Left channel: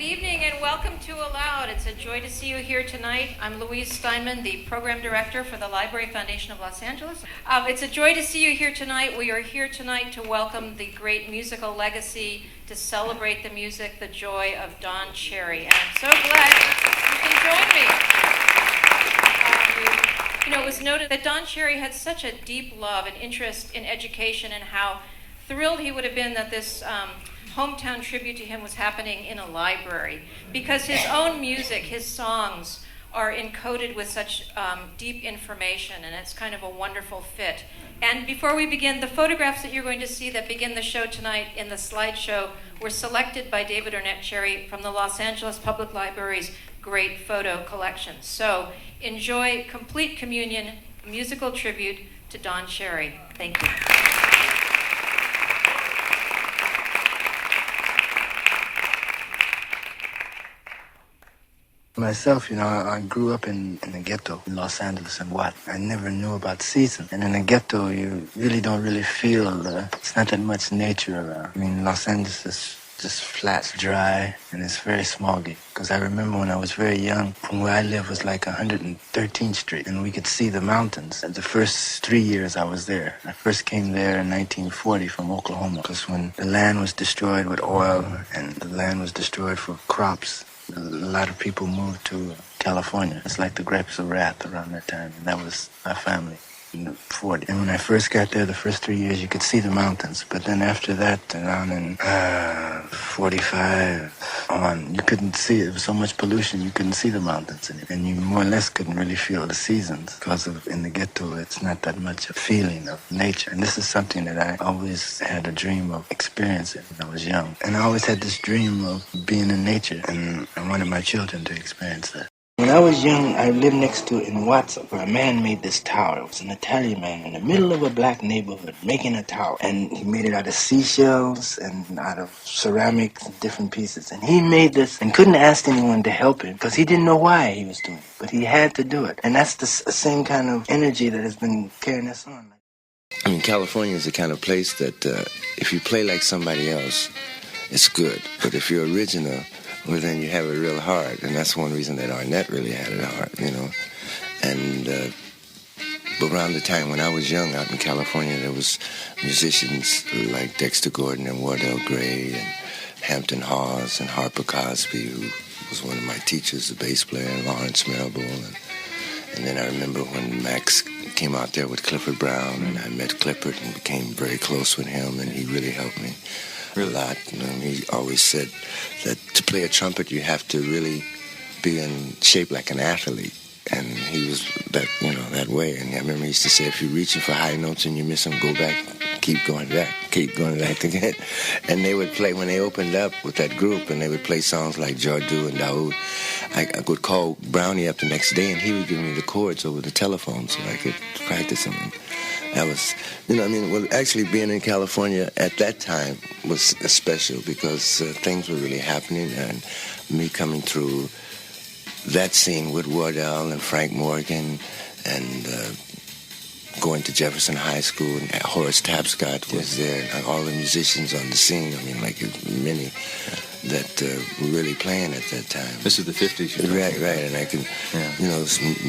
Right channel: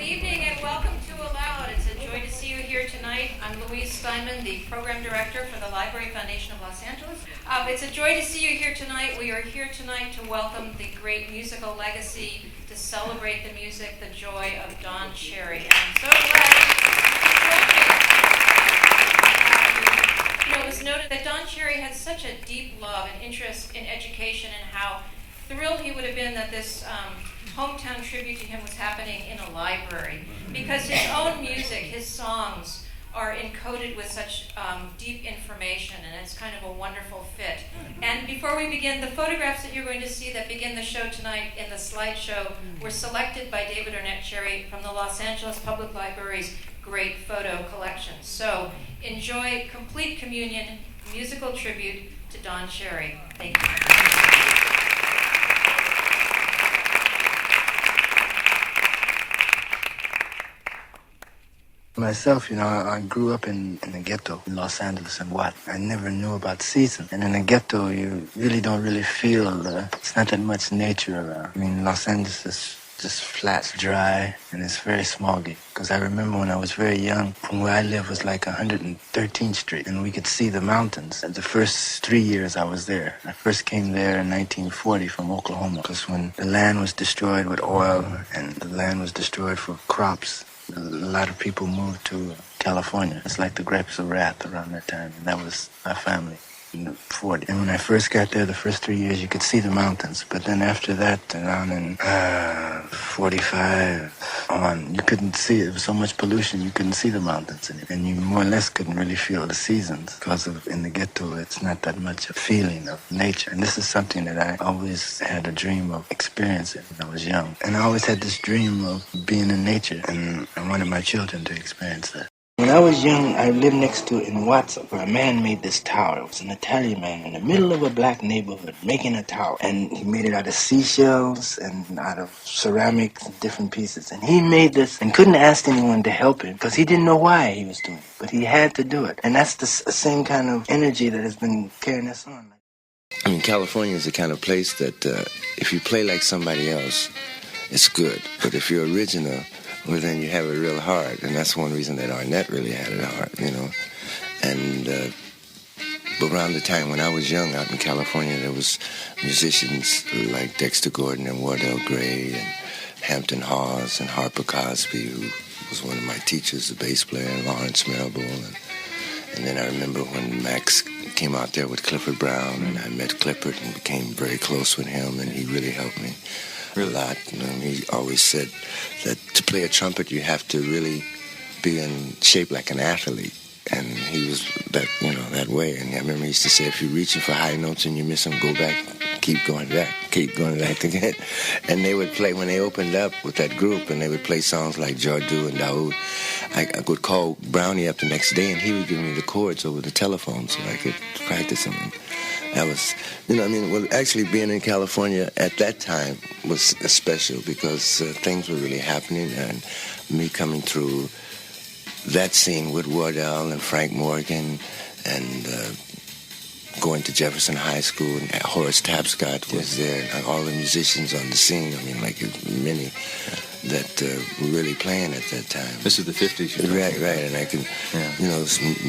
Good evening and welcome to ALOUD. It's a joy to see you here tonight. I'm Louise Steinman, the Program Director for the Library Foundation of Los Angeles. It's a joy to see you here tonight. We are here tonight to welcome the great musical legacy, to celebrate the music, the joy of Don Cherry. And I'm so glad you can join me. It was noted that Don Cherry had such a deep love and interest in education, and how thrilled he would have been that this hometown tribute to him was happening in a library, because his own music, his songs, are encoded with such deep information, and it's kind of a wonderful fit. And before we begin, the photographs that you're going to see that begin the show tonight in the slideshow were selected by David Ornette Cherry from the Los Angeles Public Library's great photo collection. So enjoy Complete Communion, musical tribute to Don Cherry. Thank you. Myself, I grew up in the ghetto in Los Angeles, and I never knew about seasons. And in the ghetto, you really don't feel, it's not that much nature around. I mean, Los Angeles is just flat, dry, and it's very smoggy. Because I remember when I was very young, from where I live was like 113th Street, and we could see the mountains. And the first 3 years I was there, I first came there in 1940 from Oklahoma, because when the land was destroyed with oil and the land was destroyed for crops, a lot of people moved to California. It's like the grapes of wrath around that time, and that was my family in the 40s. And when I first got there, the first 3 years, you could see the mountains. But then after that, around in 45 on, you couldn't see it. There was so much pollution, you couldn't see the mountains. And you more or less couldn't really feel the seasons, because in the ghetto, it's not that much a feeling of nature. And this is something that I always had a dream of experiencing when I was young. And I always had this dream of being in nature, and I wanted my children to experience that. When I was young, I lived next to, in Watson, where a man made this tower. It was an Italian man in the middle of a black neighborhood making a tower. And he made it out of seashells and out of ceramics and different pieces. And he made this and couldn't ask anyone to help him, because he didn't know why he was doing it. But he had to do it. And that's the same kind of energy that has been carrying us on. I mean, California is the kind of place that if you play like somebody else, it's good. But if you're original, well, then you have it real hard, and that's one reason that Ornette really had it hard, And around the time when I was young out in California, there was musicians like Dexter Gordon and Wardell Gray and Hampton Hawes and Harper Cosby, who was one of my teachers, the bass player, and Lawrence Melbourne. And then I remember when Max came out there with Clifford Brown, and I met Clifford and became very close with him, and he really helped me a lot. He always said that to play a trumpet, you have to really be in shape like an athlete, and he was that way. And I remember he used to say, if you're reaching for high notes and you miss them, go back, keep going back again. And they would play, when they opened up with that group, and they would play songs like Jardu and Daoud, I would call Brownie up the next day, and he would give me the chords over the telephone so I could practice them. That was, actually being in California at that time was special, because things were really happening, and me coming through that scene with Wardell and Frank Morgan, and going to Jefferson High School, and Horace Tapscott was there, and all the musicians on the scene, many that were really playing at that time. This is the 50s. Right, and I can,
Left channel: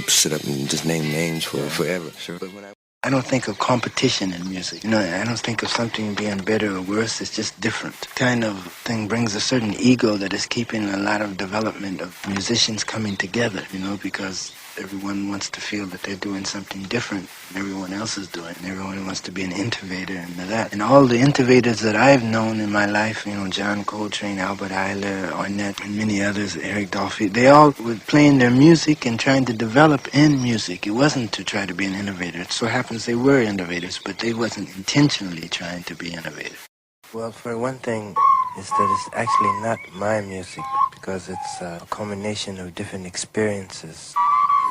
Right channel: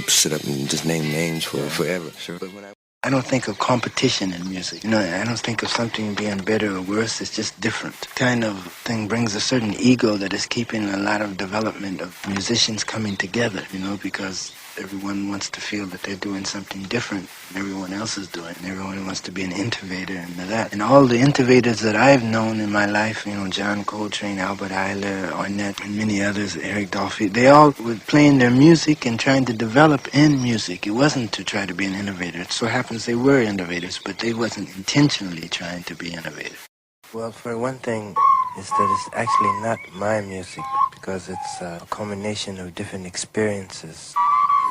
sit up and just name names for forever. Sure. But when I don't think of competition in music. I don't think of something being better or worse. It's just different. Kind of thing brings a certain ego that is keeping a lot of development of musicians coming together, because everyone wants to feel that they're doing something different than everyone else is doing. And everyone wants to be an innovator and that. And all the innovators that I've known in my life, John Coltrane, Albert Ayler, Ornette, and many others, Eric Dolphy, they all were playing their music and trying to develop in music. It wasn't to try to be an innovator. It so happens they were innovators, but they wasn't intentionally trying to be innovative. Well, for one thing, is that it's actually not my music, because it's a combination of different experiences,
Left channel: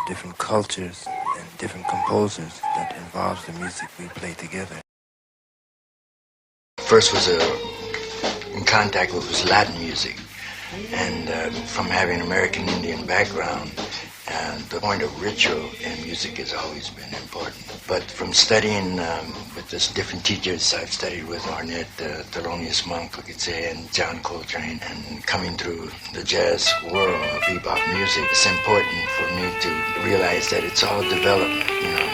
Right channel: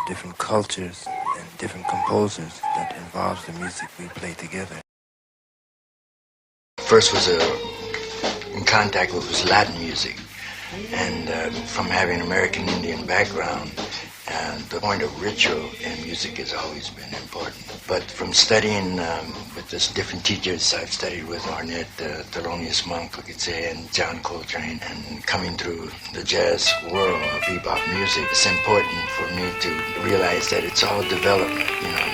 different cultures, and different composers that involves the music we play together. First was in contact with was Latin music, and from having an American Indian background And the point of ritual in music has always been important. But from studying with this different teachers, I've studied with Ornette, Thelonious Monk, we could say, and John Coltrane, and coming through the jazz world of bebop music, it's important for me to realize that it's all development, you know.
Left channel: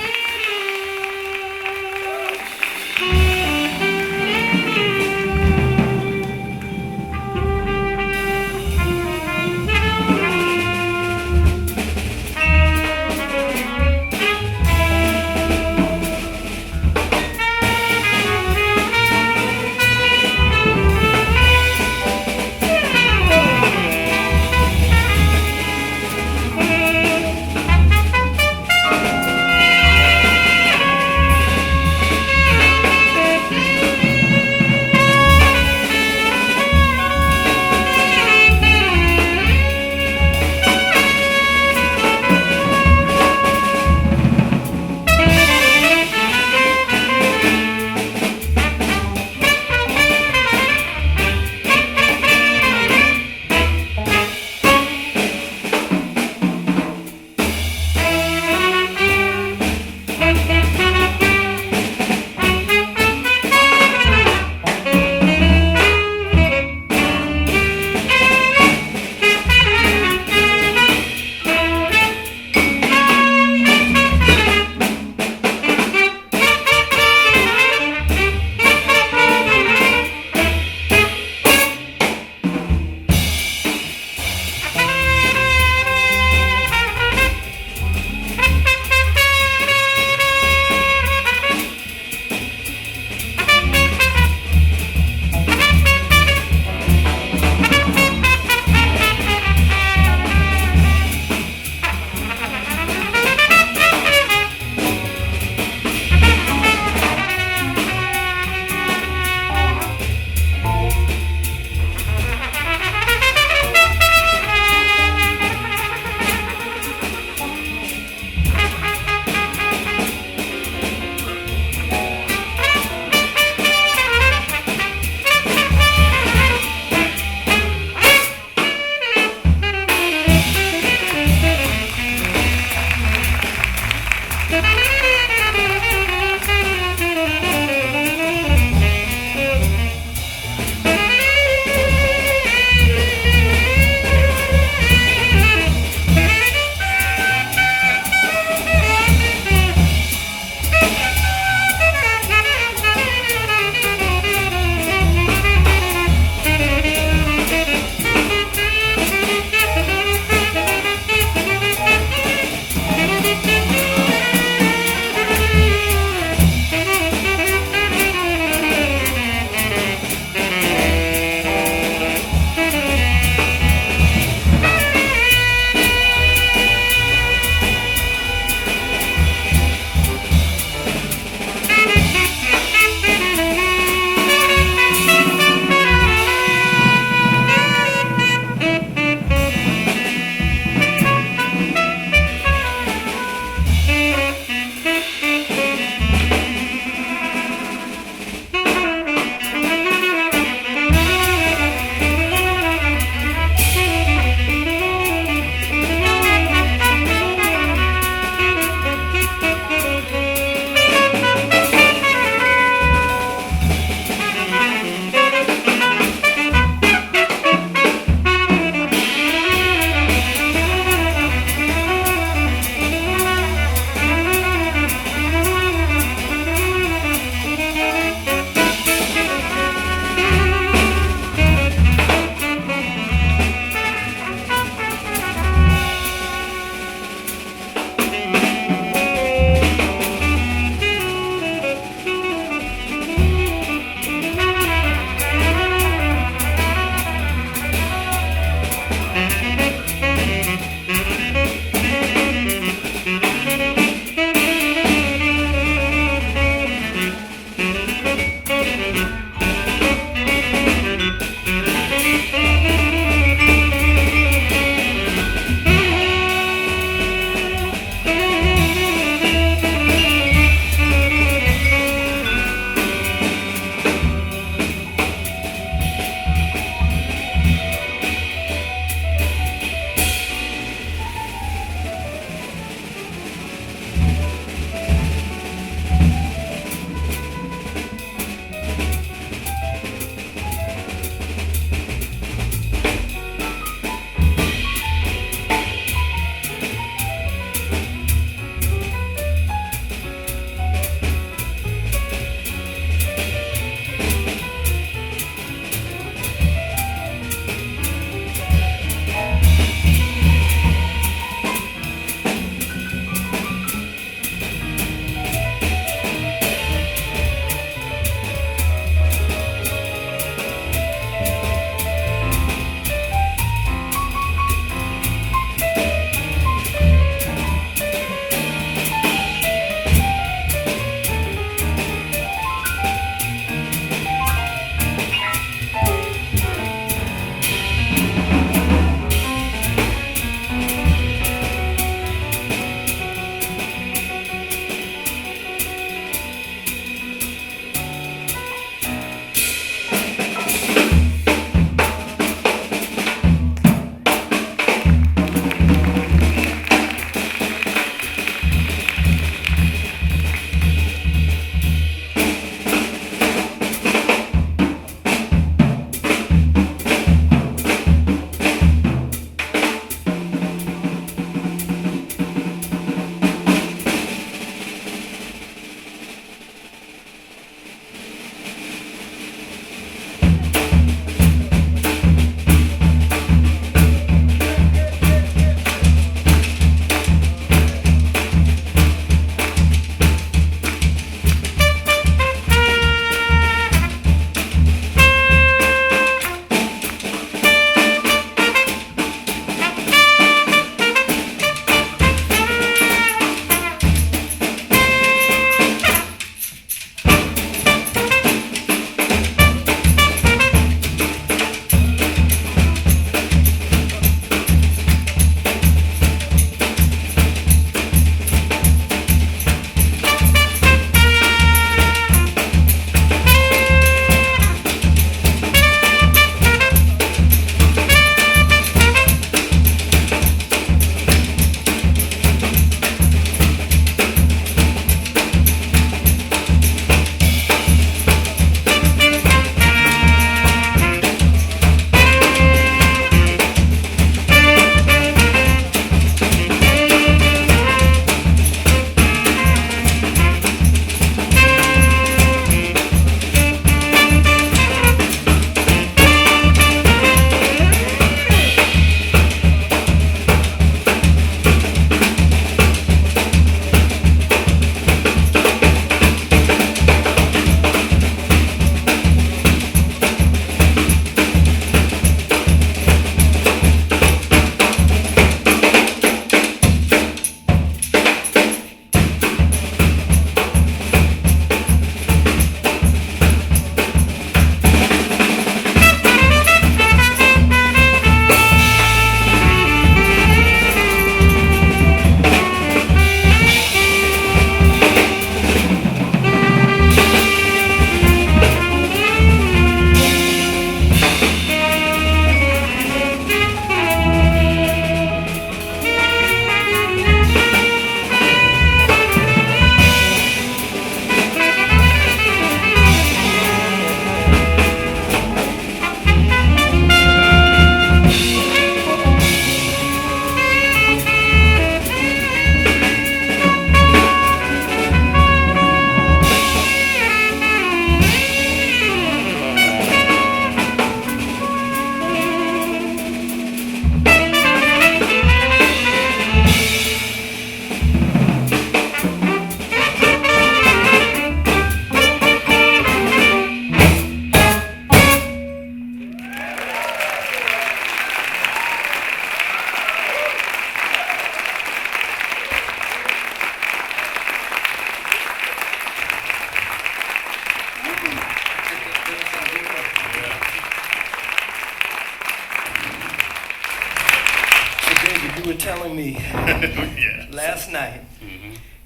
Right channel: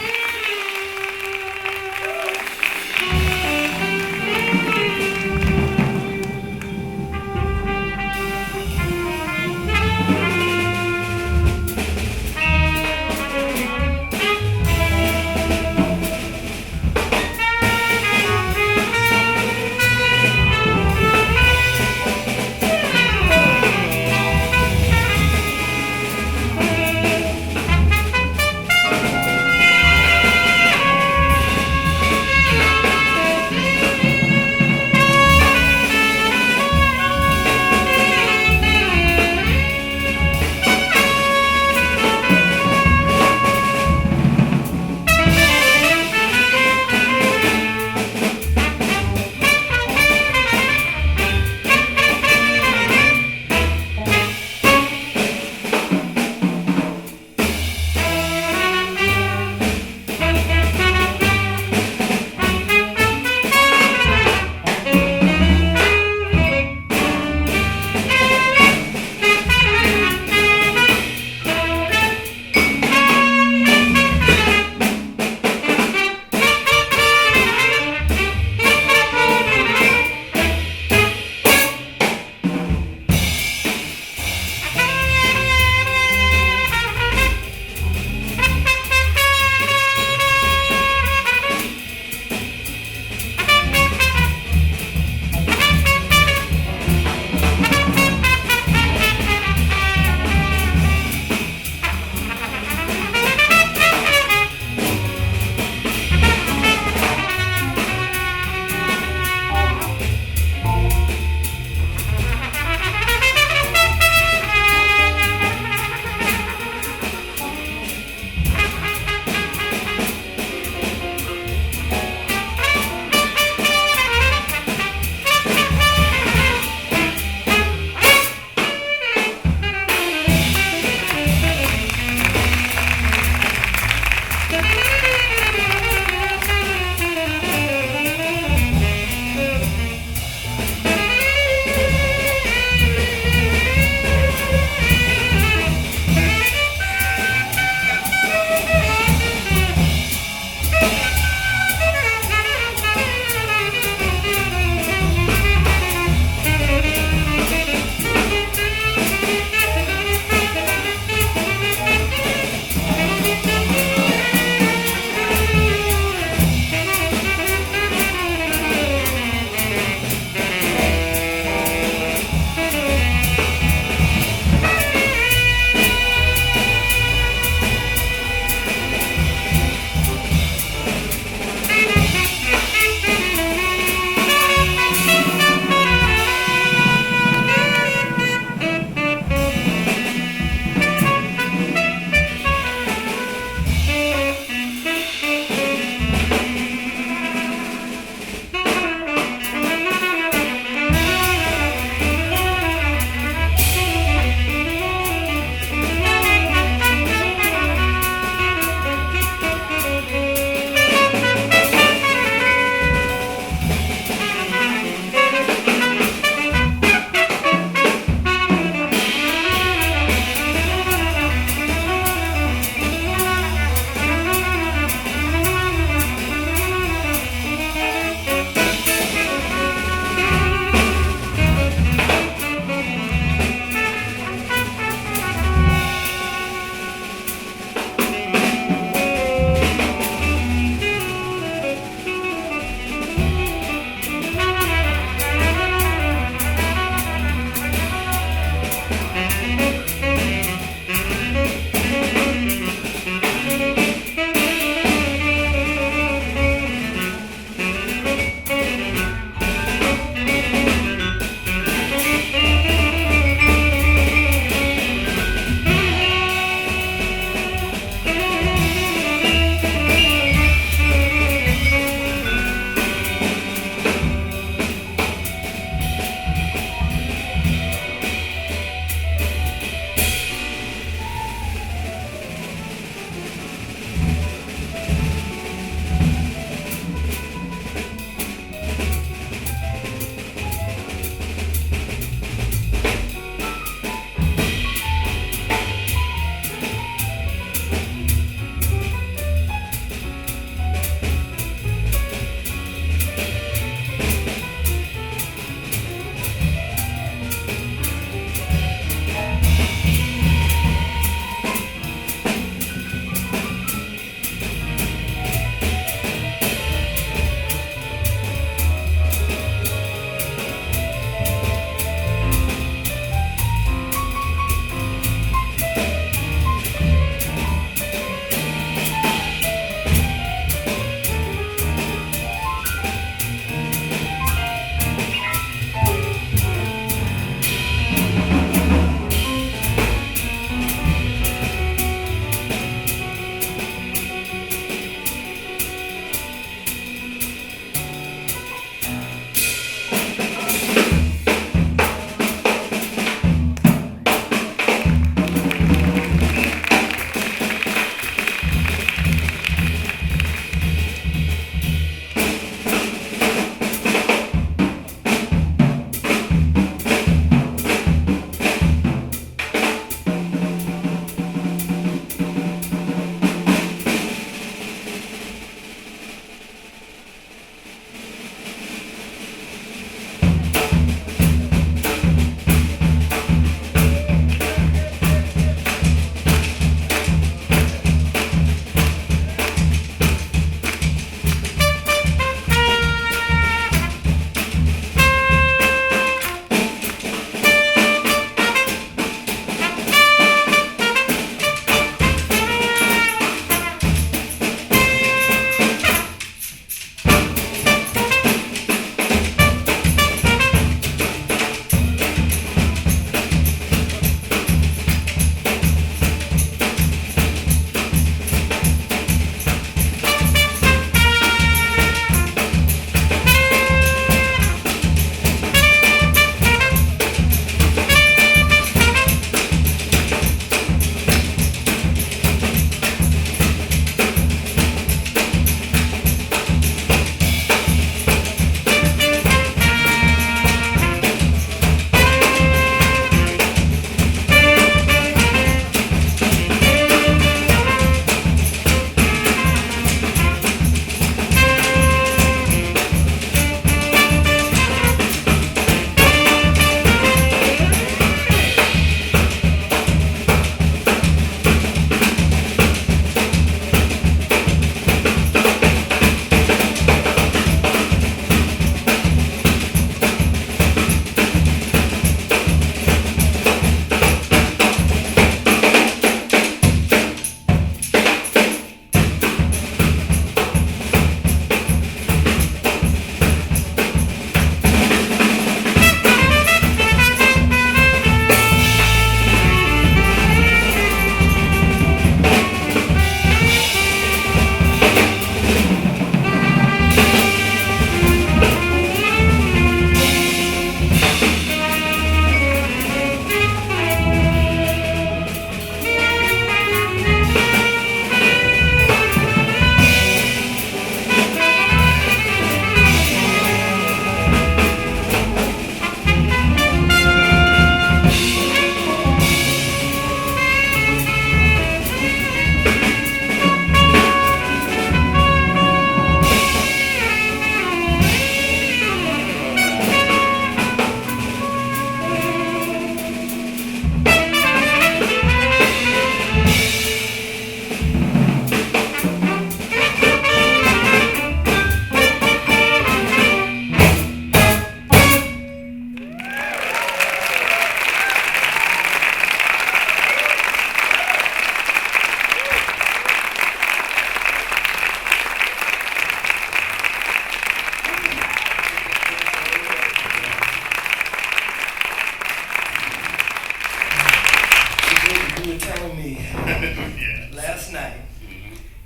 told me Yeah. last night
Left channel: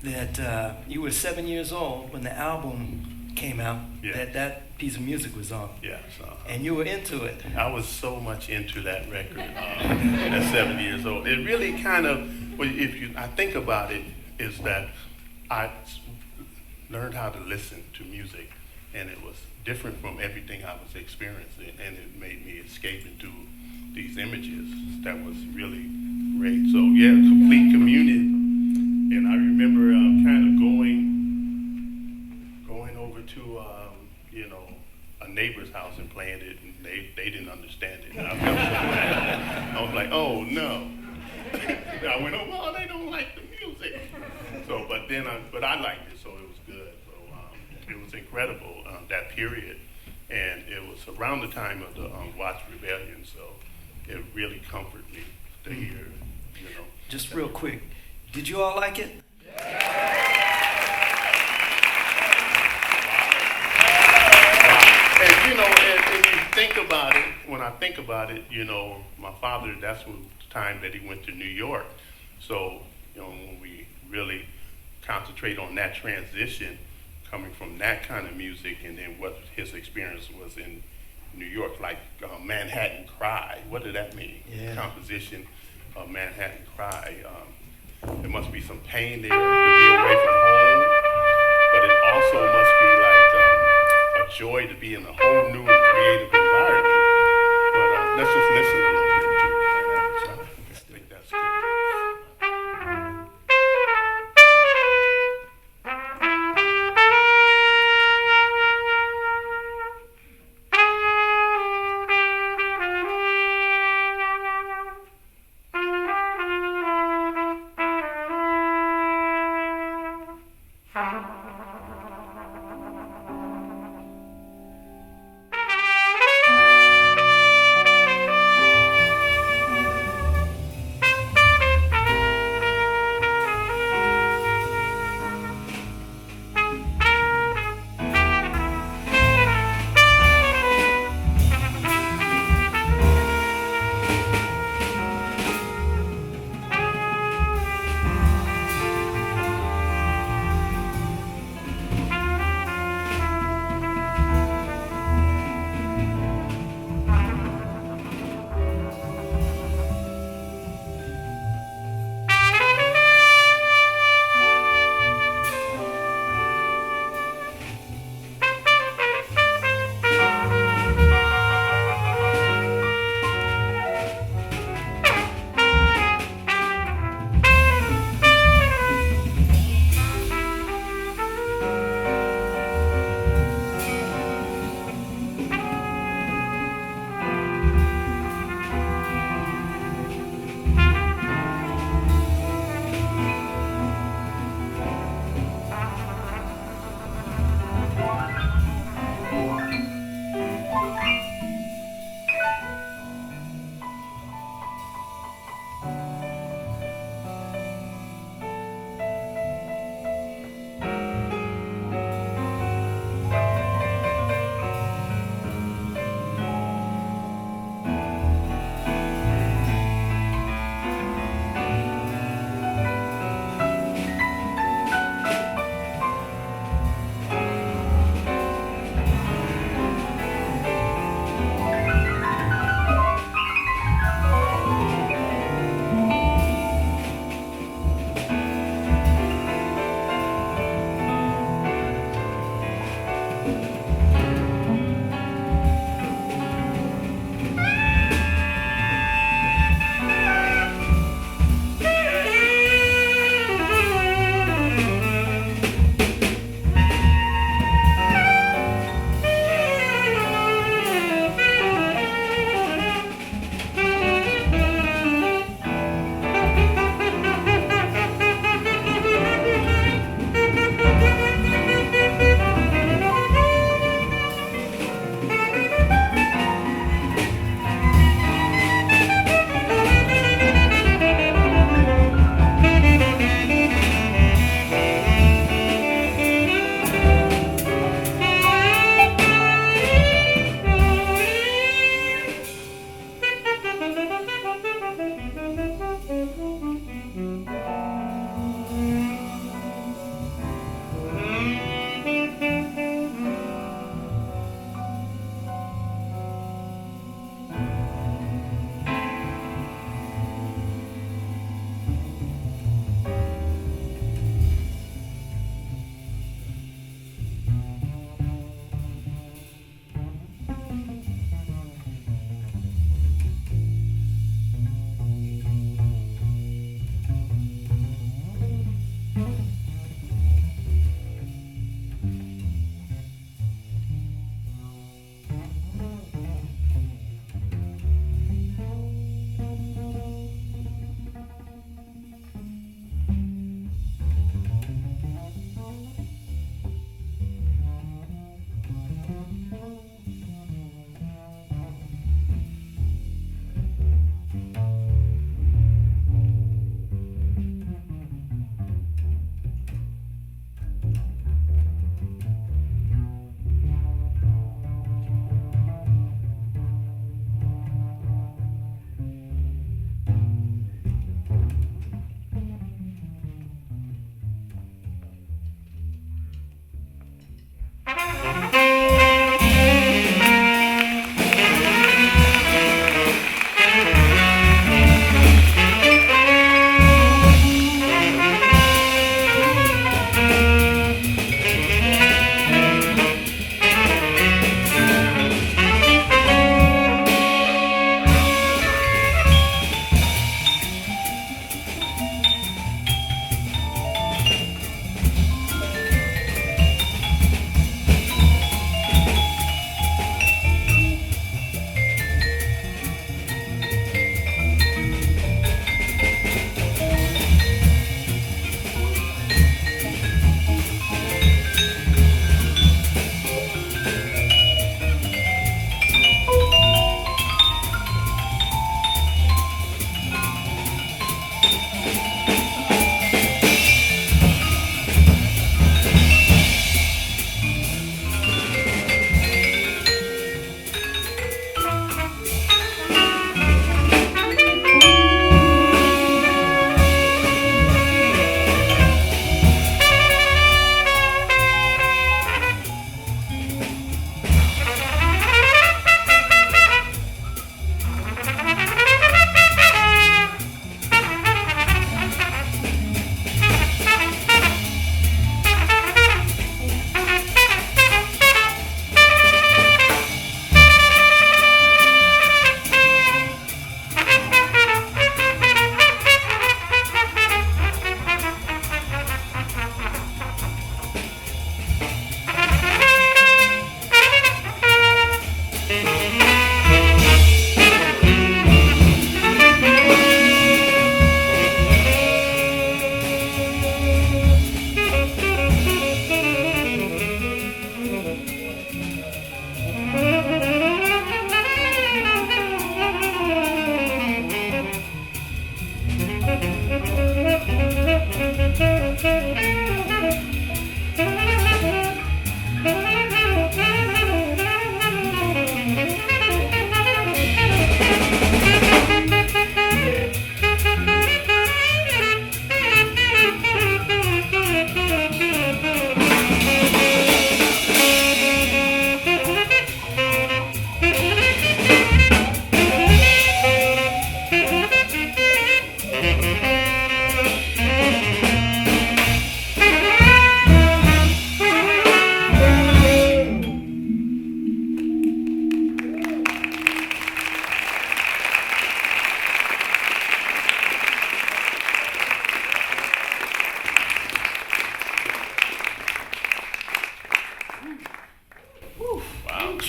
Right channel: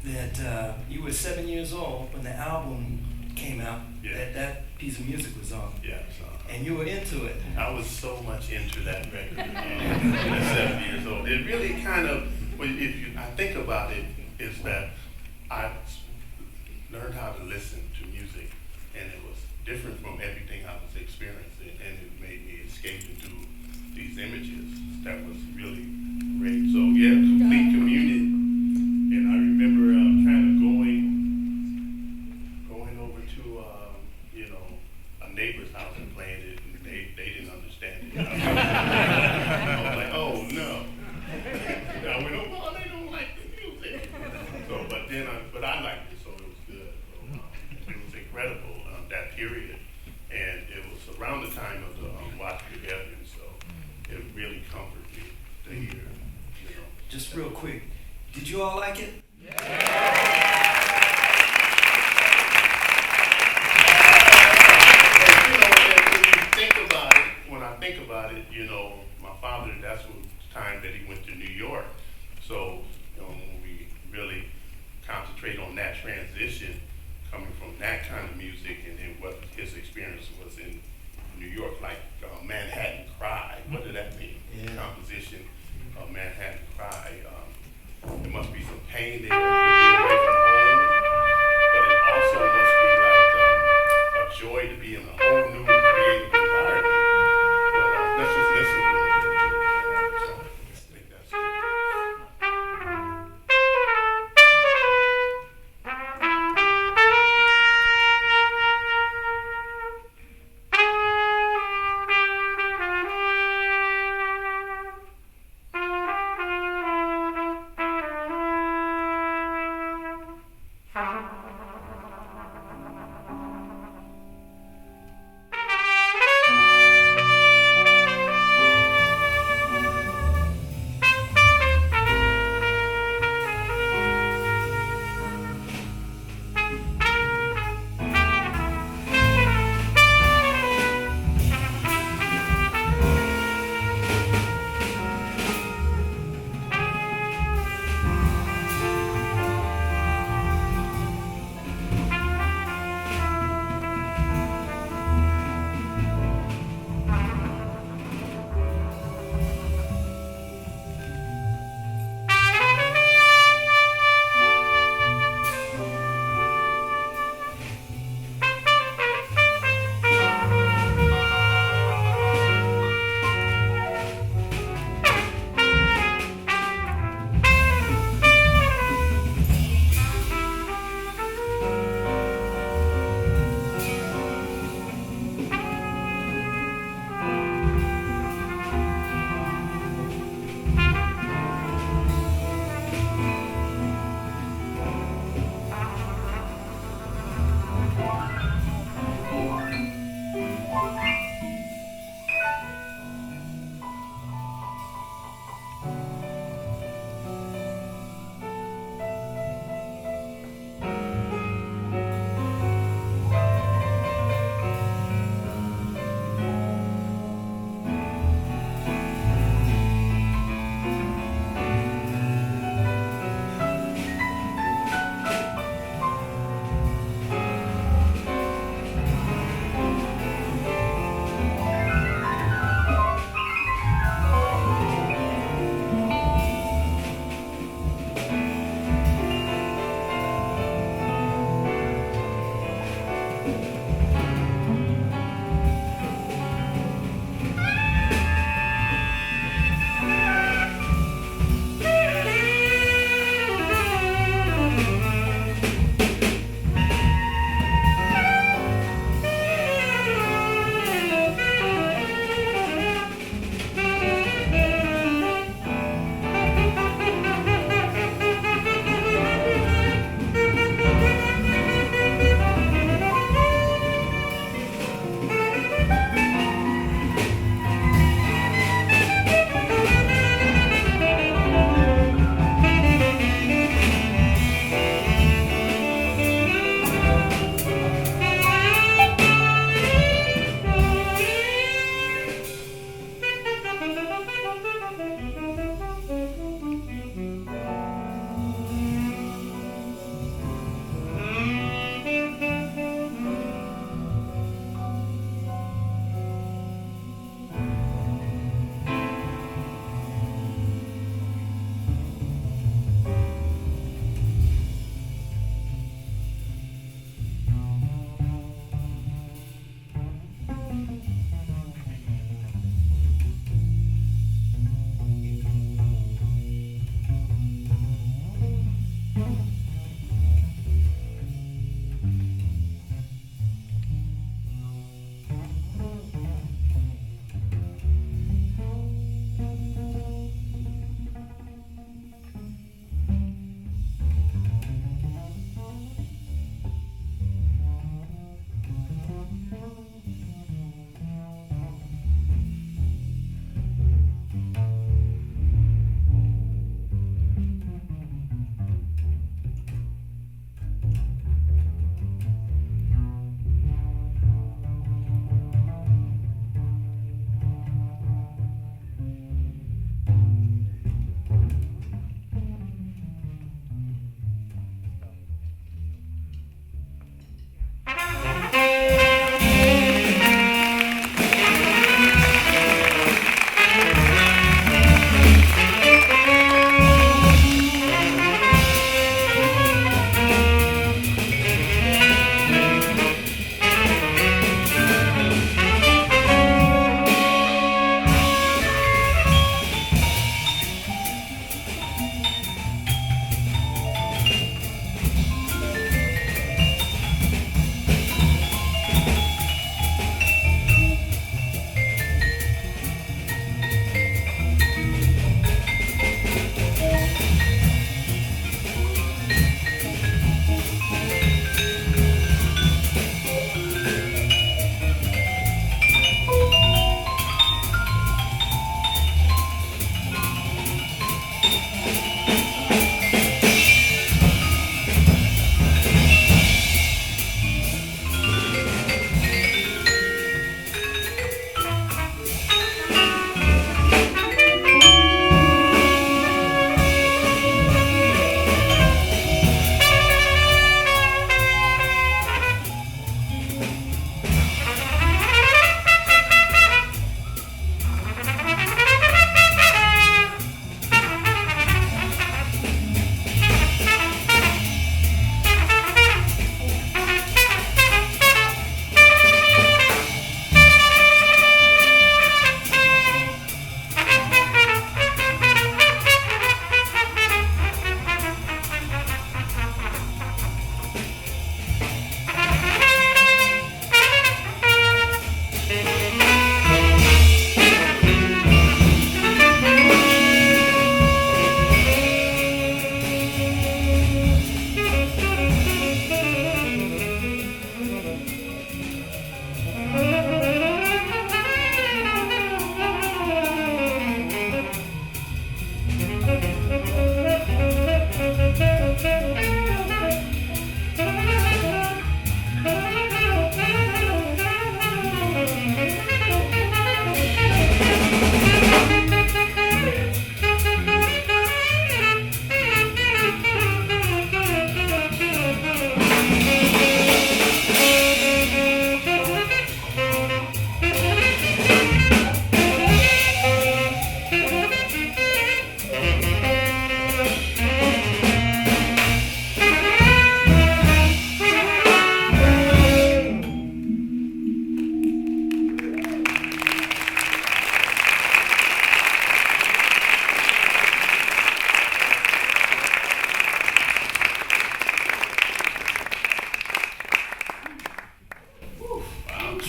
that you were 7 years old when the album came out, Yeah. that piece of music was on. Yeah, so And you were into it. I was so much into that record at 7 years old. It really kind of, well, I think about it, is that I learned how to listen to music, and it was different from everything I was experiencing, and it made me escape into these images. That was really great. So yeah, complete communion. And I remember kind of going over to a neighbor's house and playing it, and they didn't understand it. I was like, oh no. I went, oh well, they don't like the music. So, but I liked it, so it was good. So it was incredible that period, and it was around the time of the Watch Rebellion. So it really comforted me to hear, Just real quick, did you all like it? And you think about it, when I think about it, my father, that's the time that he went to New York. So, when we really concentrate on that transition, coming from that kind of music, and then what his experience was in New York, like Manhattan Cry. What did that mean? Yeah. Composition of Manhattan Cry. There must be some pain there to be away from home, but it also must be like a joy to be in a whole new and creative environment. But let's just listen a little bit to it. I think that's good.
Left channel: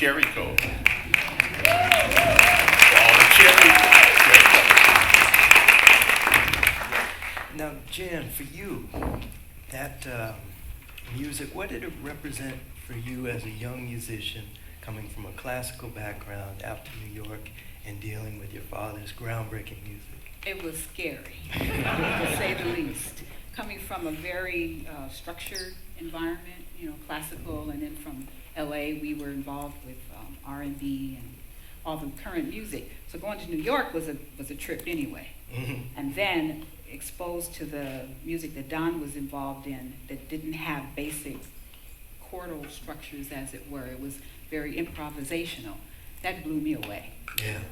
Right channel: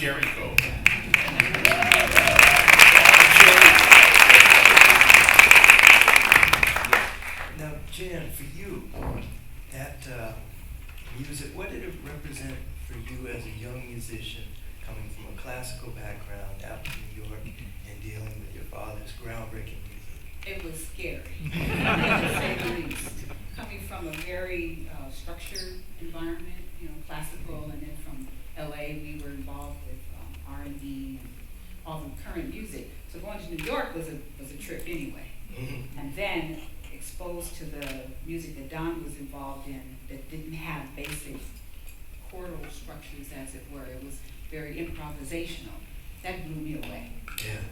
cherry coke. All the cherry Now, Jan, for you, that music, what did it represent for you as a young musician coming from a classical background out to New York and dealing with your father's groundbreaking music? It was scary, to say the least. Coming from a very structured environment, you know, classical, and then from LA, we were involved with R&B and all the current music. So going to New York was a trip anyway. Mm-hmm. And then exposed to the music that Don was involved in that didn't have basic chordal structures, as it were. It was very improvisational. That blew me away. Yeah.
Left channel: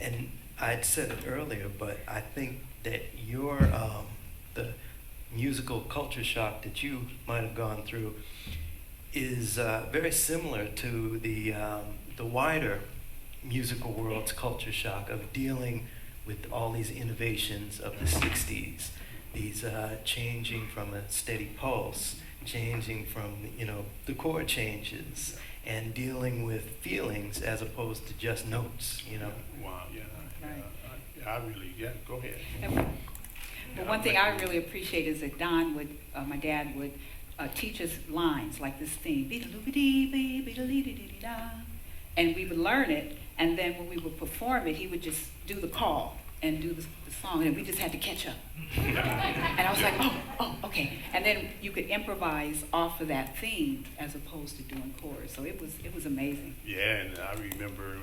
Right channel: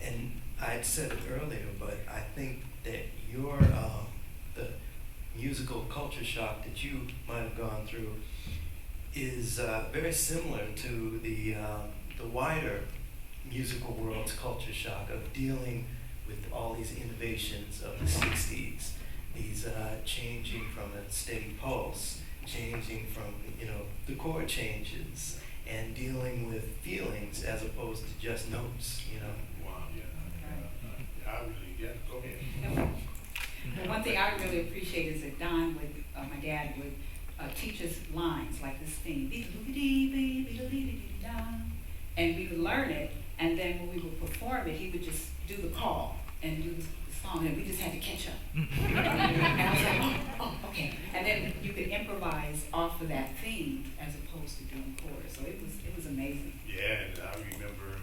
And I'd said it earlier, but I think that your the musical culture shock that you might have gone through is very similar to the wider musical world's culture shock of dealing with all these innovations of the 60s, these changing from a steady pulse, changing from, you know, the chord changes, and dealing with feelings as opposed to just notes, you know. Wow, yeah. Right. I really, yeah, go ahead. Well, one thing I really appreciate is that Don would, my dad would teach us lines like this theme, and we would learn it, and then when we would perform it, he would just do the call and do the song, and we just had to catch up. And I was like, oh, okay. And then you could improvise off of that theme as opposed to doing chorus. So it was amazing. Yeah, and I remember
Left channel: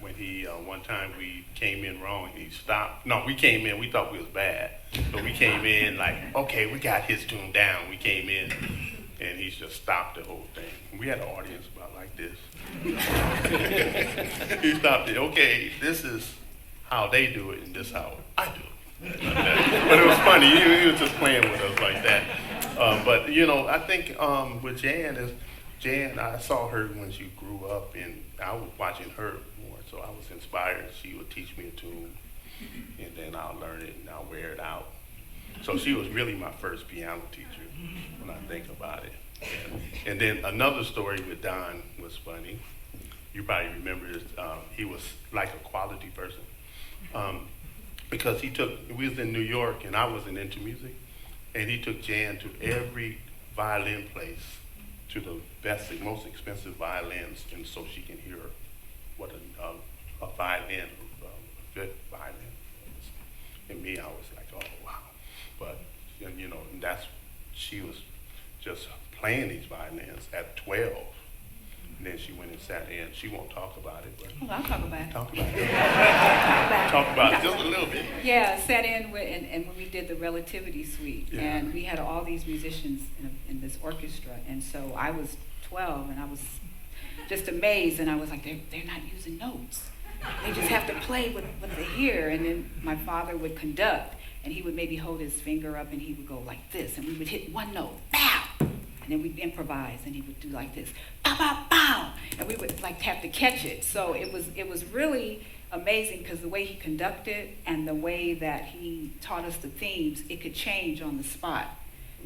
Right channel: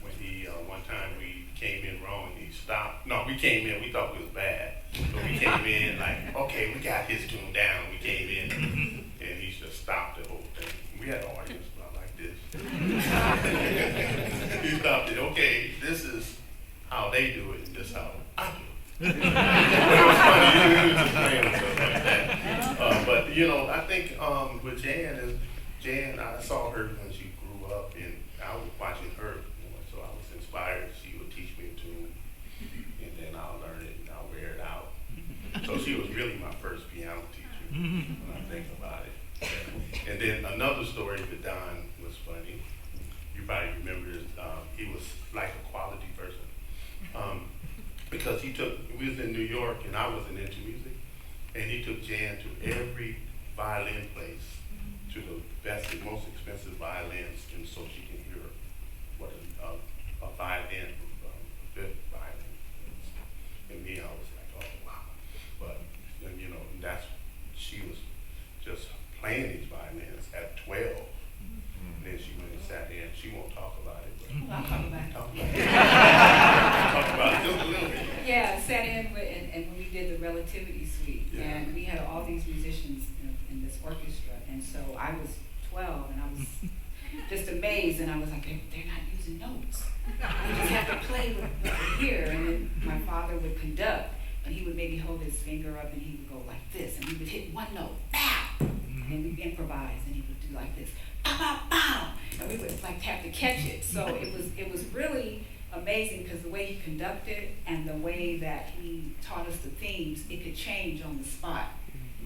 when he, one time we came in wrong, he stopped. No, we came in, we thought we was bad. So we came in like, okay, we got his tune down. We came in, and he just stopped the whole thing. We had an audience about like this. He stopped it. Okay, this is how they do it, and this is how I do it. But it was funny. He was just playing with us like that. But you know, I think with Jan, I saw her when she grew up, and I was watching her more, so I was inspired. She would teach me a tune, and then I'll learn it and I'll wear it out. So she was really my first piano teacher when I think about it. And then another story with Don was funny. You probably remember this. He was like a quality person. Because we was in New York and I wasn't into music, and he took Jan to every violin place, to the best and most expensive violins, and so she can hear what a violin, a good violin is. And me, I was like, oh wow. But you know, she was just playing these violins at 12. And then she went and sat in. She won't talk about it, but Oh, I'll talk about it. talk about it. Talk about it just a little bit. Yeah, sat in with, and when we did the Relativity Suite, Yeah. and we had all these musicians in this orchestra, and so I was 12, and I was just amazed, and I was like, they're not using notes. They just have to play with what they hear, and then my father would conduct, and he would maybe hold his finger up, and he would go like this, and we would hit one note, pow! And then we'd improvise, and he would do like this, pow, pow, pow! And we would like have to catch it. So it was really amazing because the way he conducted and the way that he taught us the themes, it could change on the spot.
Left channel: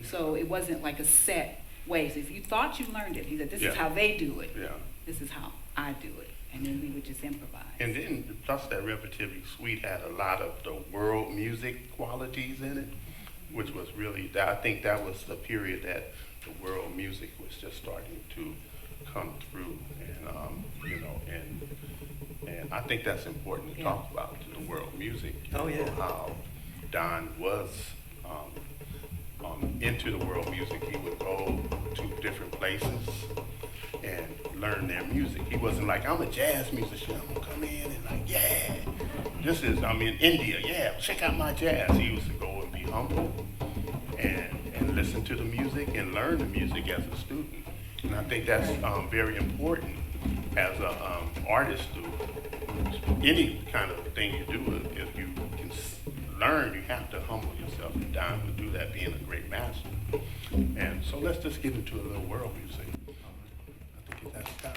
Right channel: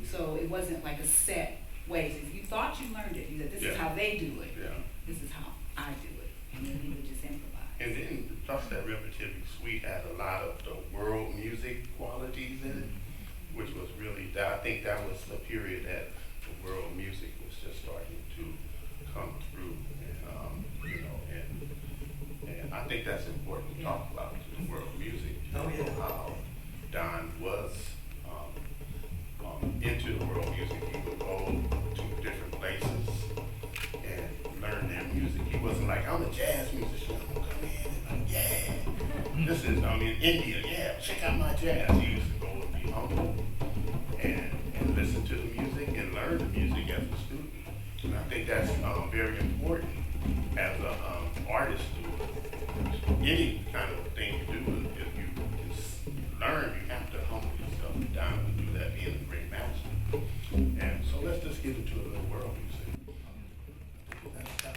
So it wasn't like a set way. So if you thought you learned it, he said, this is how they do it. Yeah. This is how I do it. And then we would just improvise. And then plus that Relativity Suite had a lot of the world music qualities in it, which was really, I think that was the period that the world music was just starting to come through, and you know, and I think that's important to talk about, to the world music. Oh, yeah. How Don was into the world music. He would go to different places and learn their music. He wasn't like, I'm a jazz musician, I'm gonna come in and like, yeah, this is, I'm in India, yeah, check out my jazz. He used to go and be humble and listen to the music and learn the music as a student. And I think that's very important as an artist to any kind of thing you do. If you can learn, you have to humble yourself. And Don would do that, being a great master. And so let's just get into a little world music. I think that's time.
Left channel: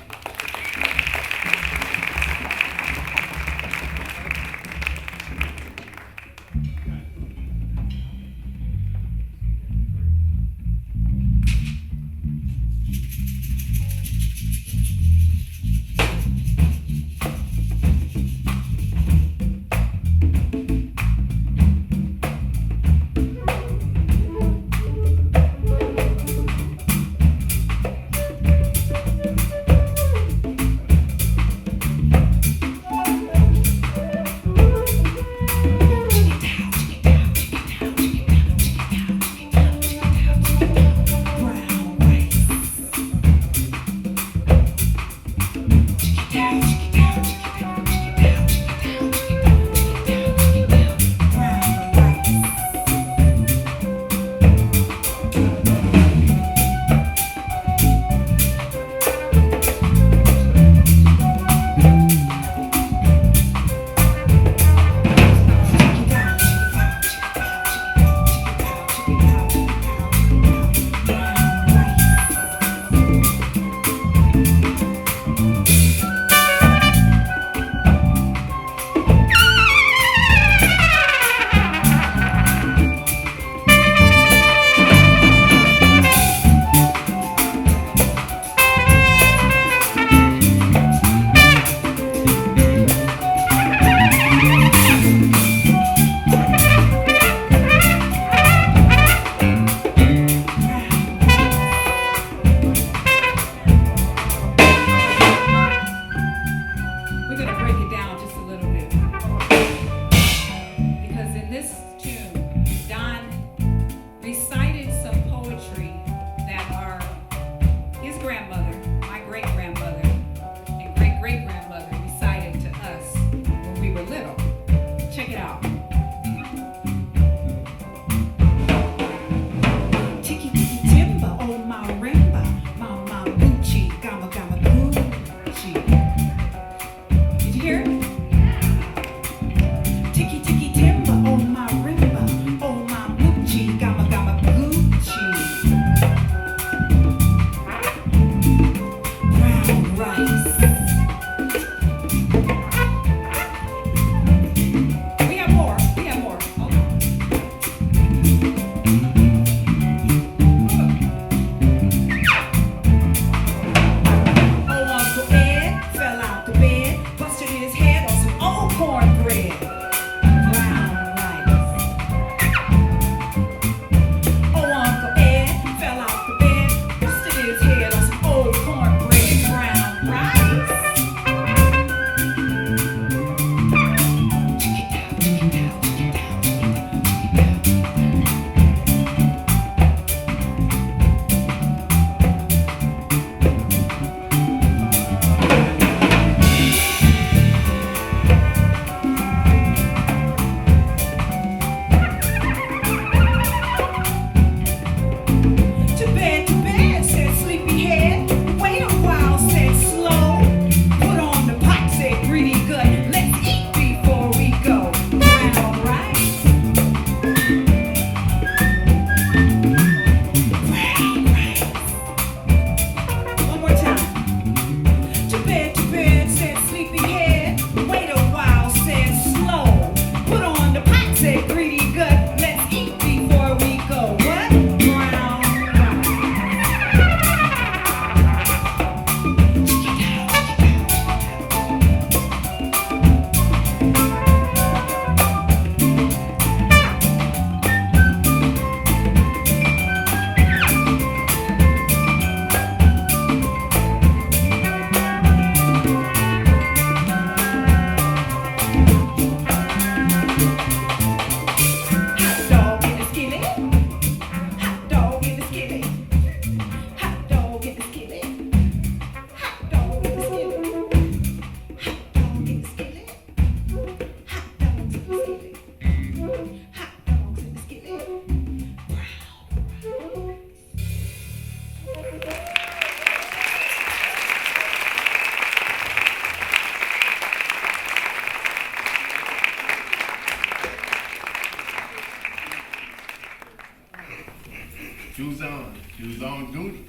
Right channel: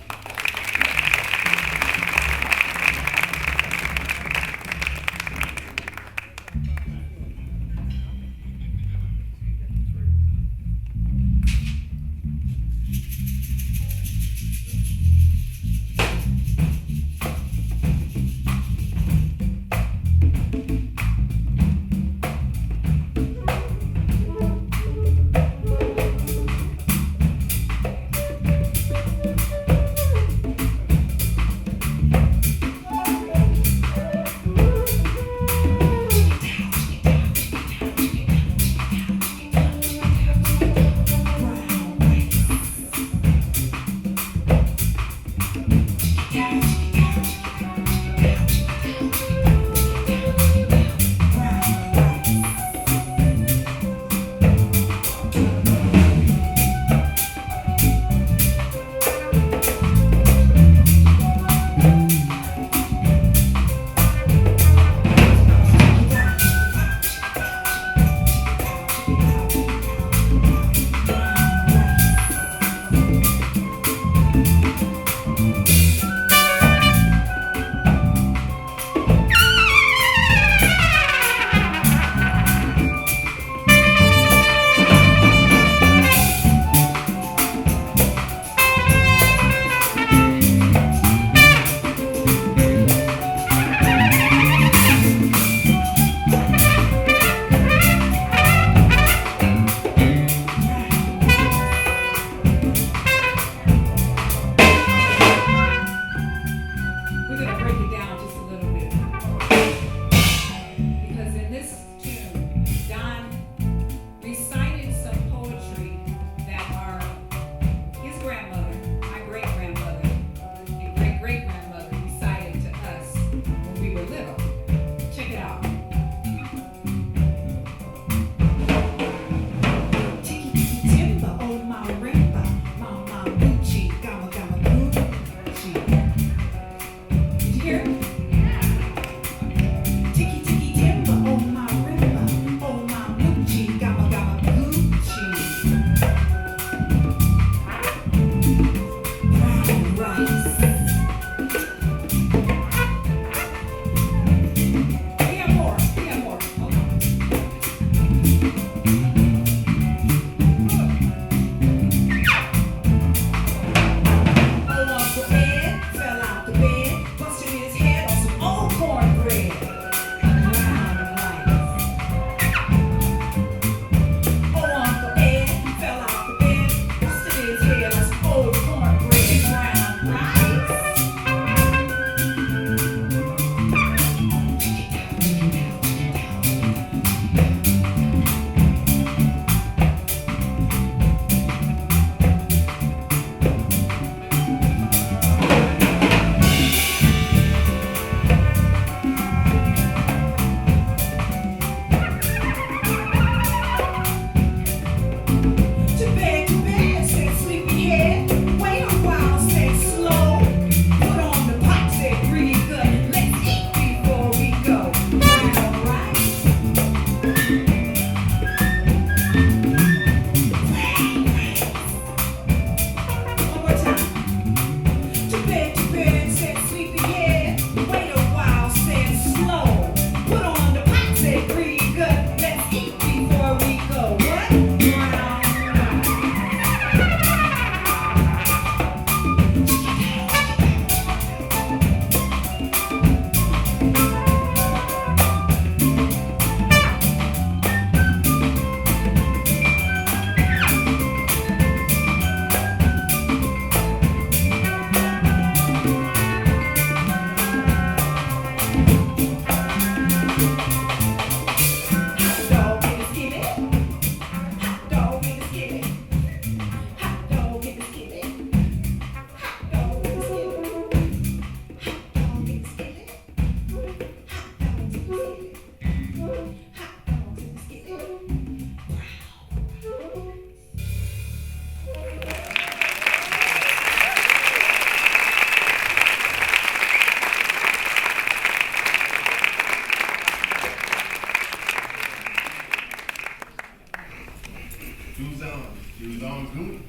Don Gooney.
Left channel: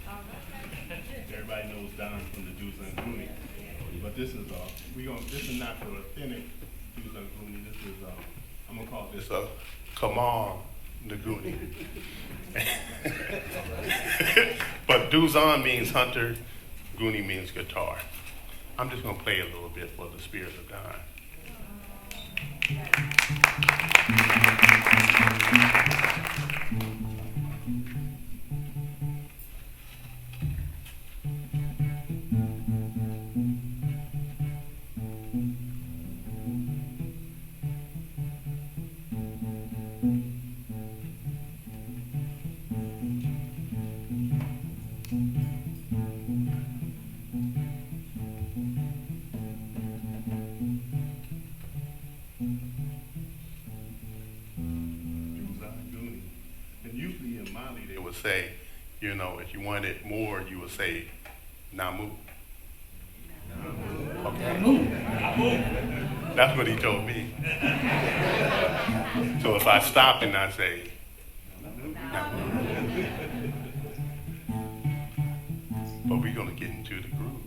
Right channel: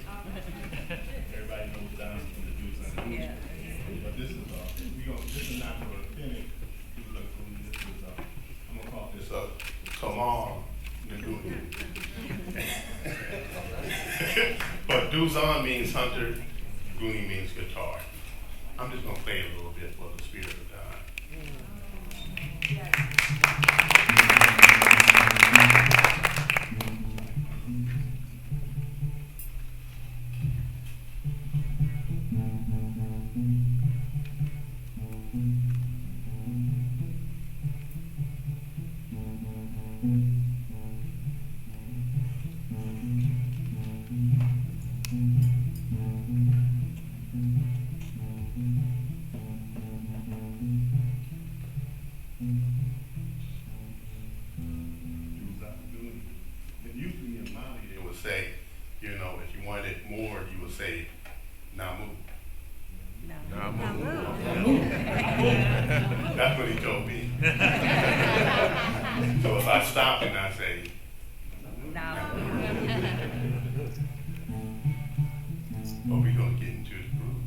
Everybody knows Don from the Deuce and Gooney. But this is this is not the authentic Deuce and Gooney. This is I'm gonna call this come on the Gooney. But Duzon means hunter, Gooney means guitar. I'm just gonna play a little bit for the spirit of God. Say, you know, if you wanted more, you would say, Namu. Namu. Okay. That's what he told me. So if I stop and I say, Namu. But we're going to get into the groove.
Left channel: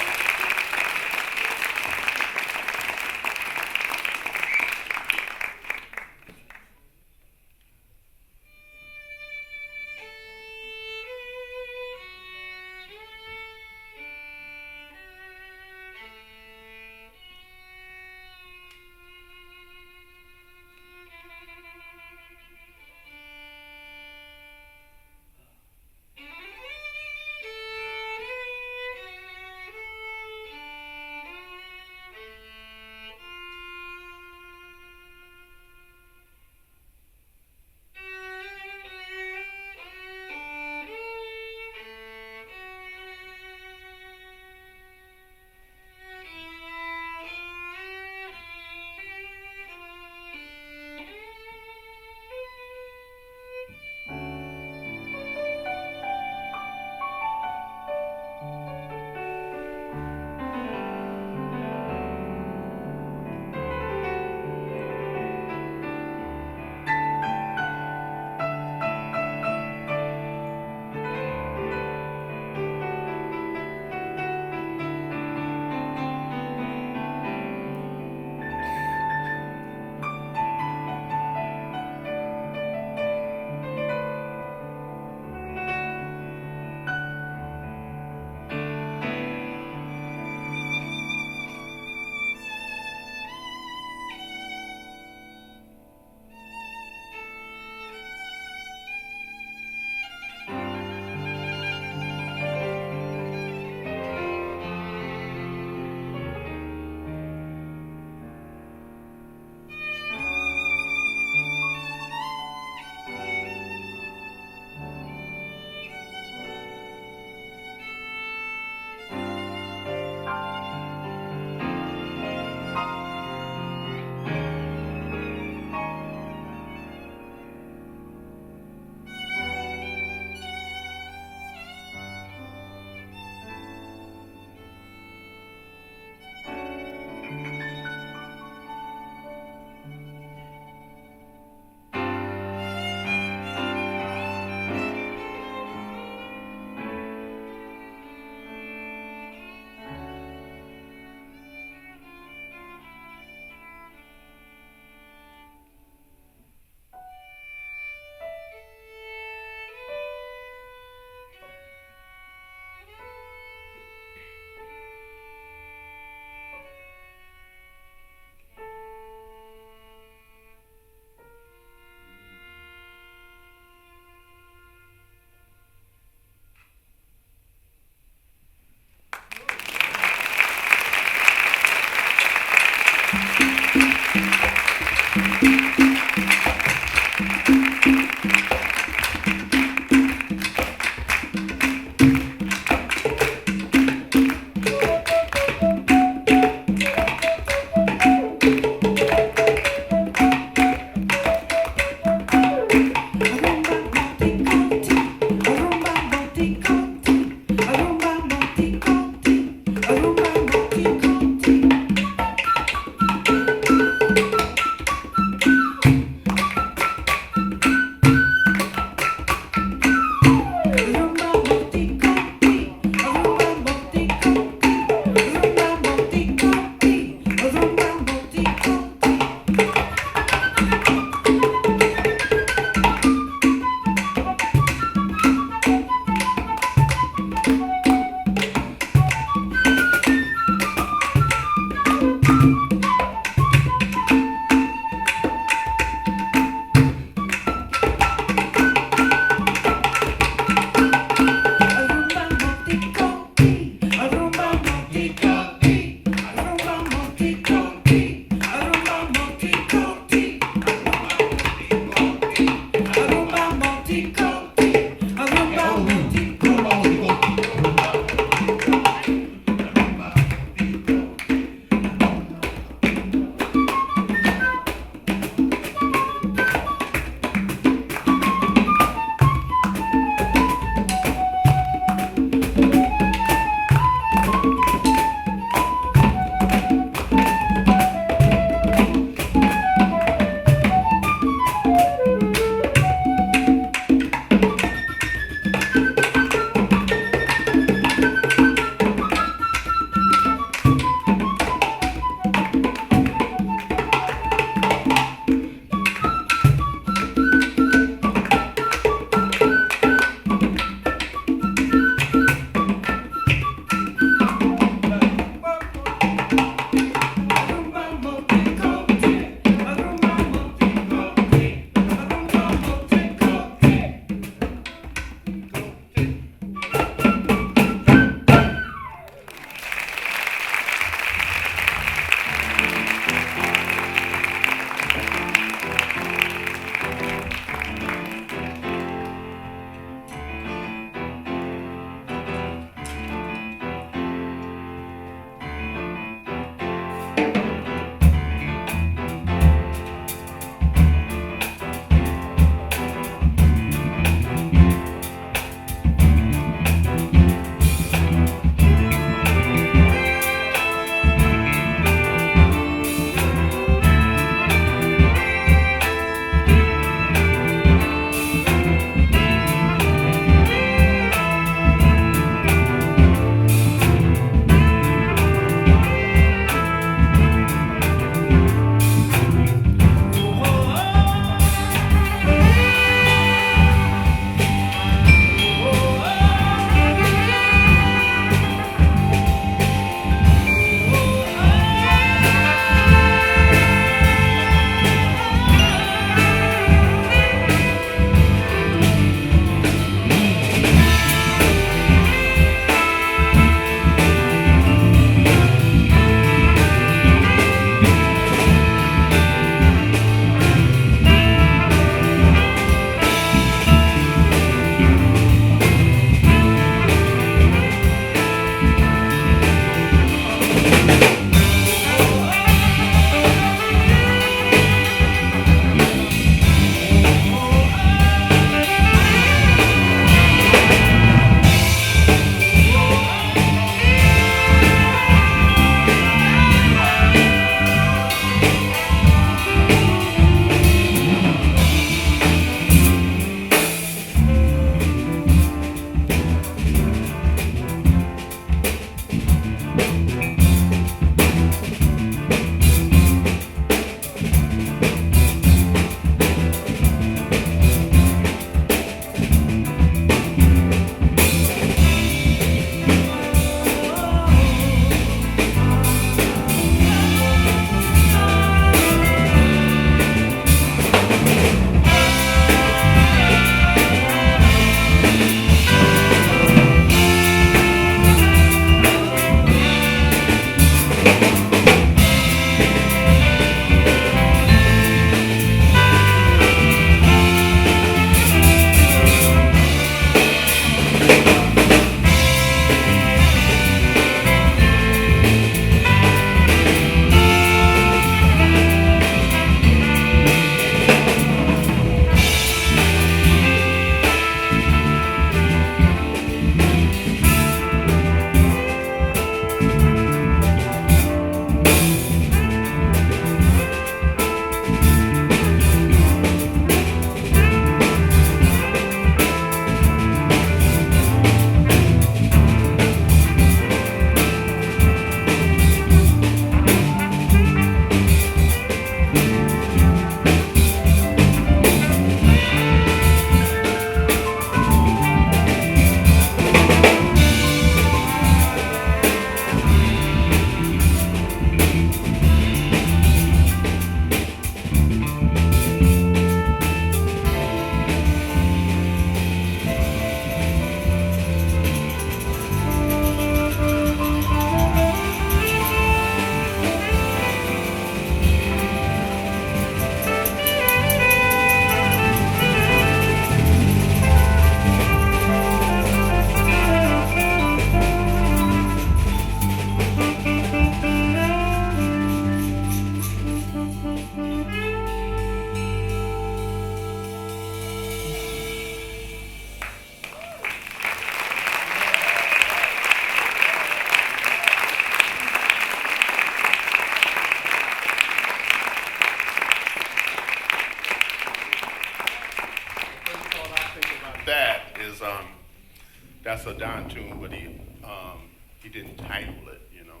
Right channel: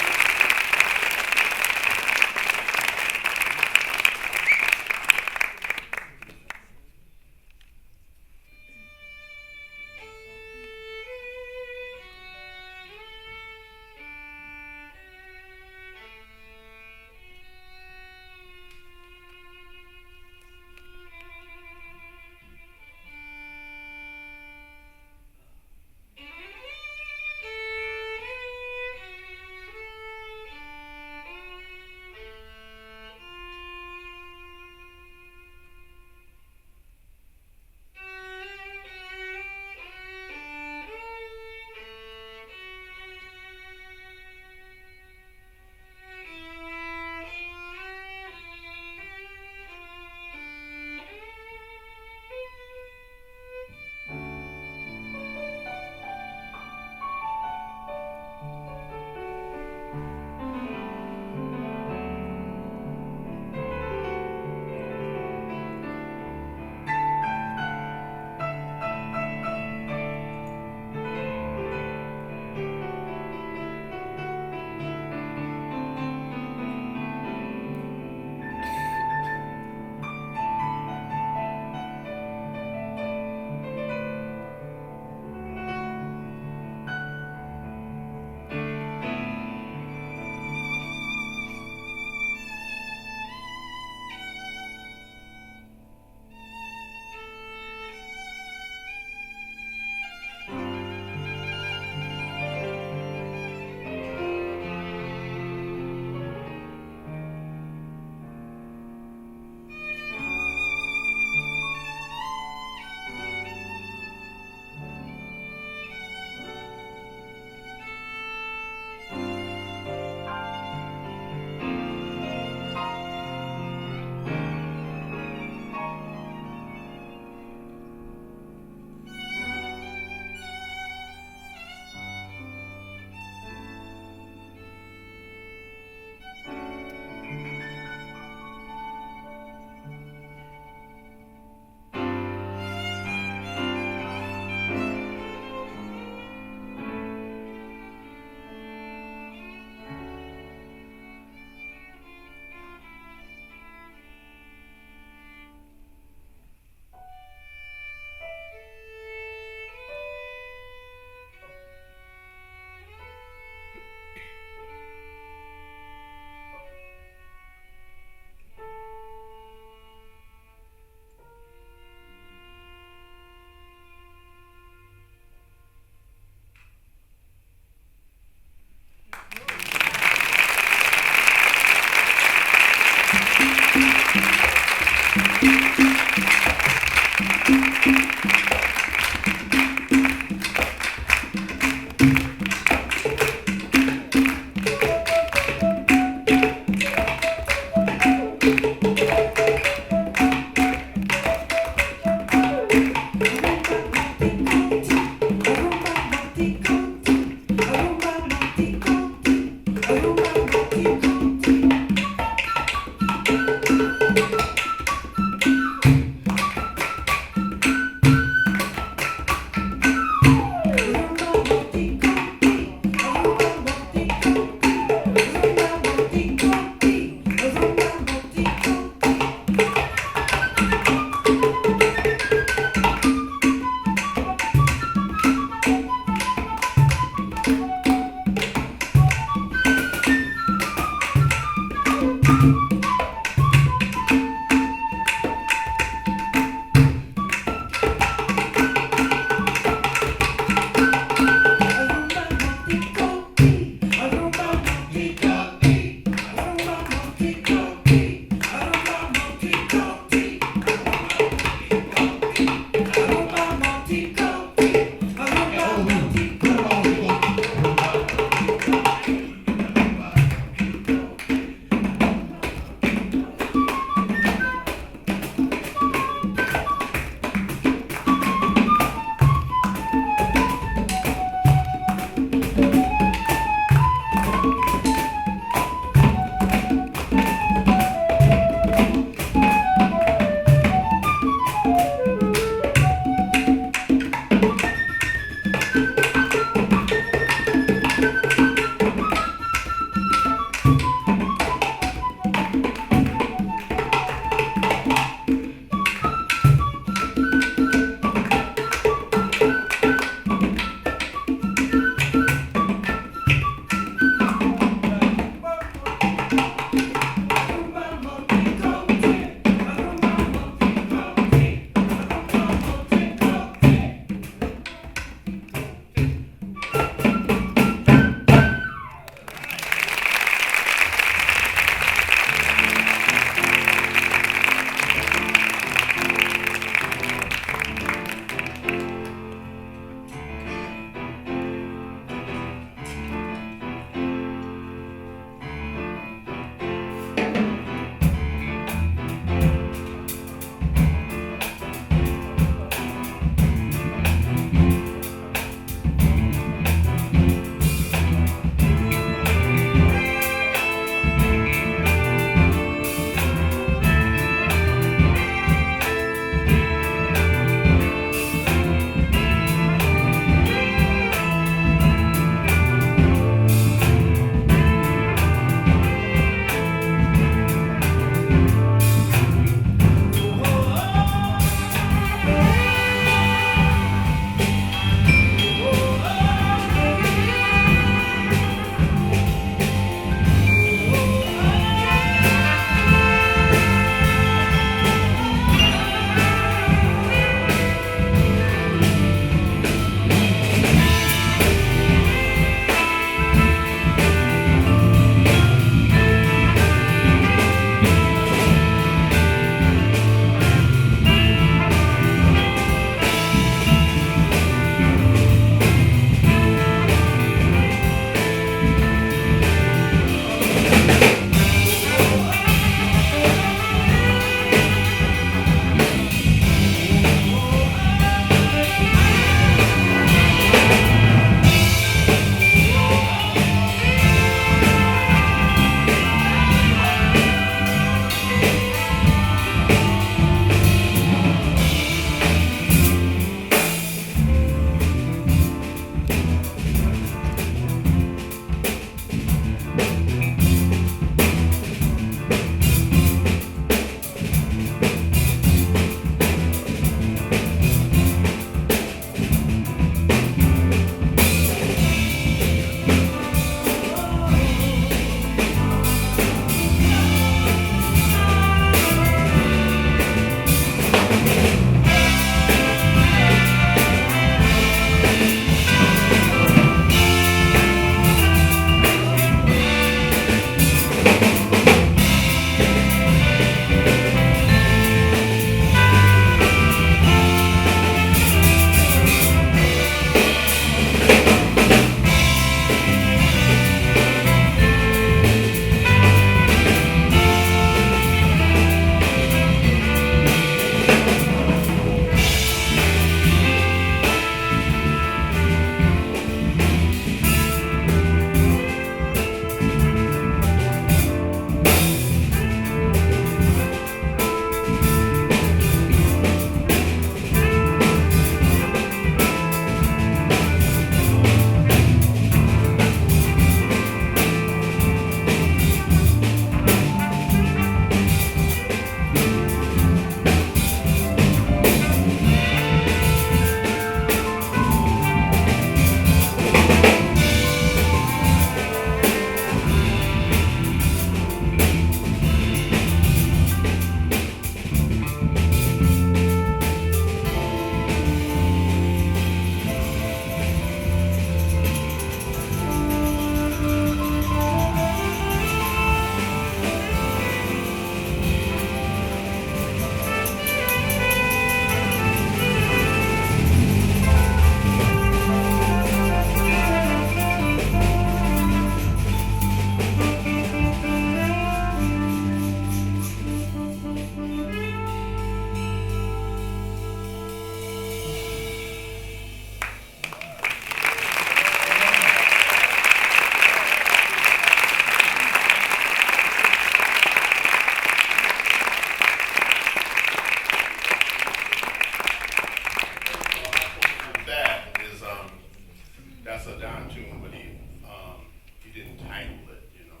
That's a Don tune, but he didn't title it, you know.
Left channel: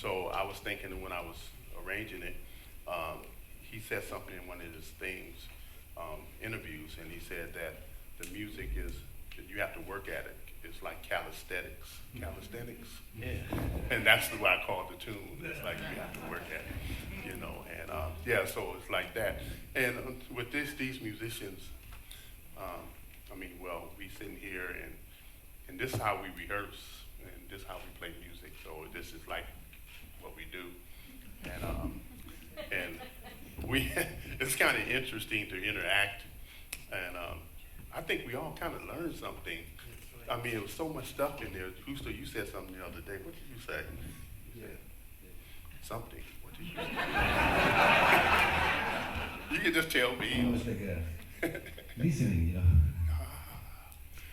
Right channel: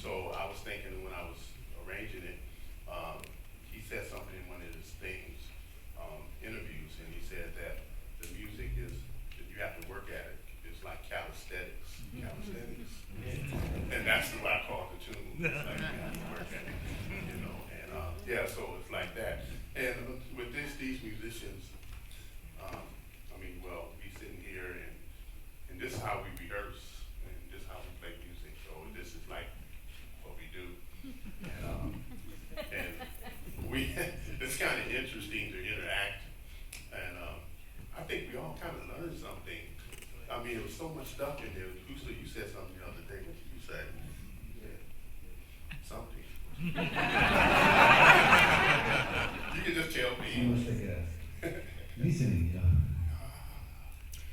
So I was thinking when I was arranging it, he said something in one of his things, interviews, and he said that the music is, that you have to work at it. It's like calisthenics. Calisthenics? Yeah. And that's why I called the tune. It's like you have to work at it, you know. And yeah, so it's like that. And with these musicians, I mean, well, we sitting here and this is how we rehearse and this is how we play music. So this is like what we do. And we, it's kind of interesting to interact. And I think we all kind of learned something. I mean, there was so much stuff in there. Husto, you said something the other day. What did you say? You said something. What did you You can just tell me. It was like listening, you know.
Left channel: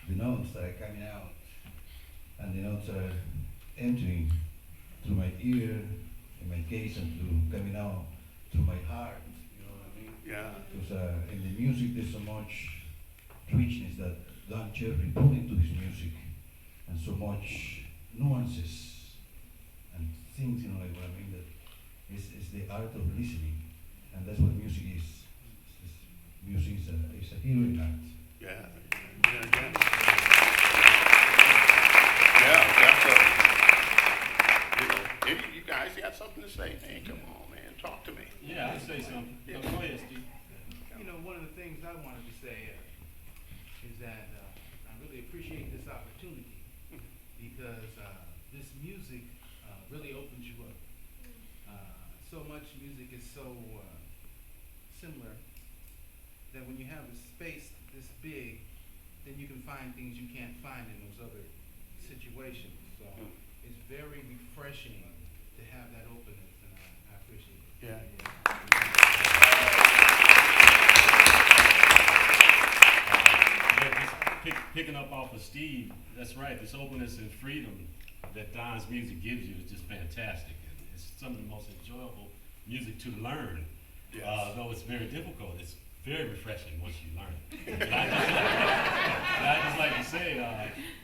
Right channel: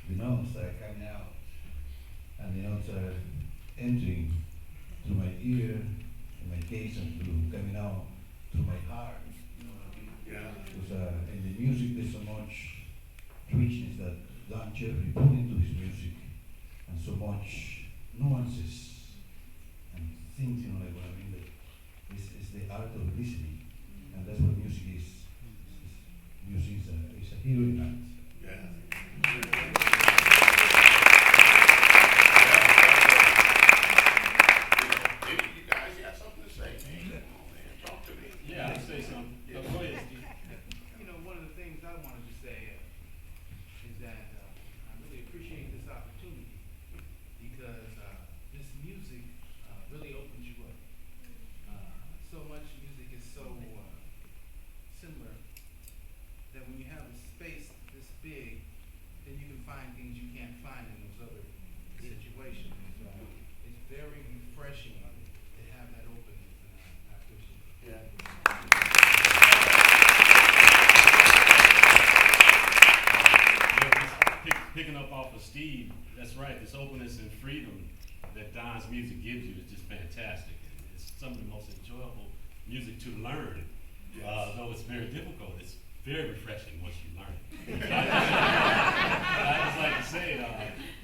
The notes are coming out, and the notes are entering through my ear, in my case, and coming out through my heart. You know what I mean? Yeah. Because in the music, there's so much richness that Don Cherry put into his music, and so much nuances and things, you know, like what I mean. That it's the art of listening, and that's what music is. Music is a hearing art. Yeah. You guys got something to say? Hey, come on, man, talk to me. Yeah, I'll say something. Yeah. Go ahead, Steve. You know, one of the things I wanted to say is that I really appreciate this opportunity because this music really opens you up. So much music is so similar that when you have a space this big, then you can find things you can't find in those other situations. So it's very refreshing to have that openness, and I appreciate it. Yeah. Picking up off of Steve, that's right. This openness and freedom that Don's music gives you is just fantastic. It's some of the most enjoyable music to learn. Yes. Though it's very difficult, it's very refreshing once you learn it. I just like to say,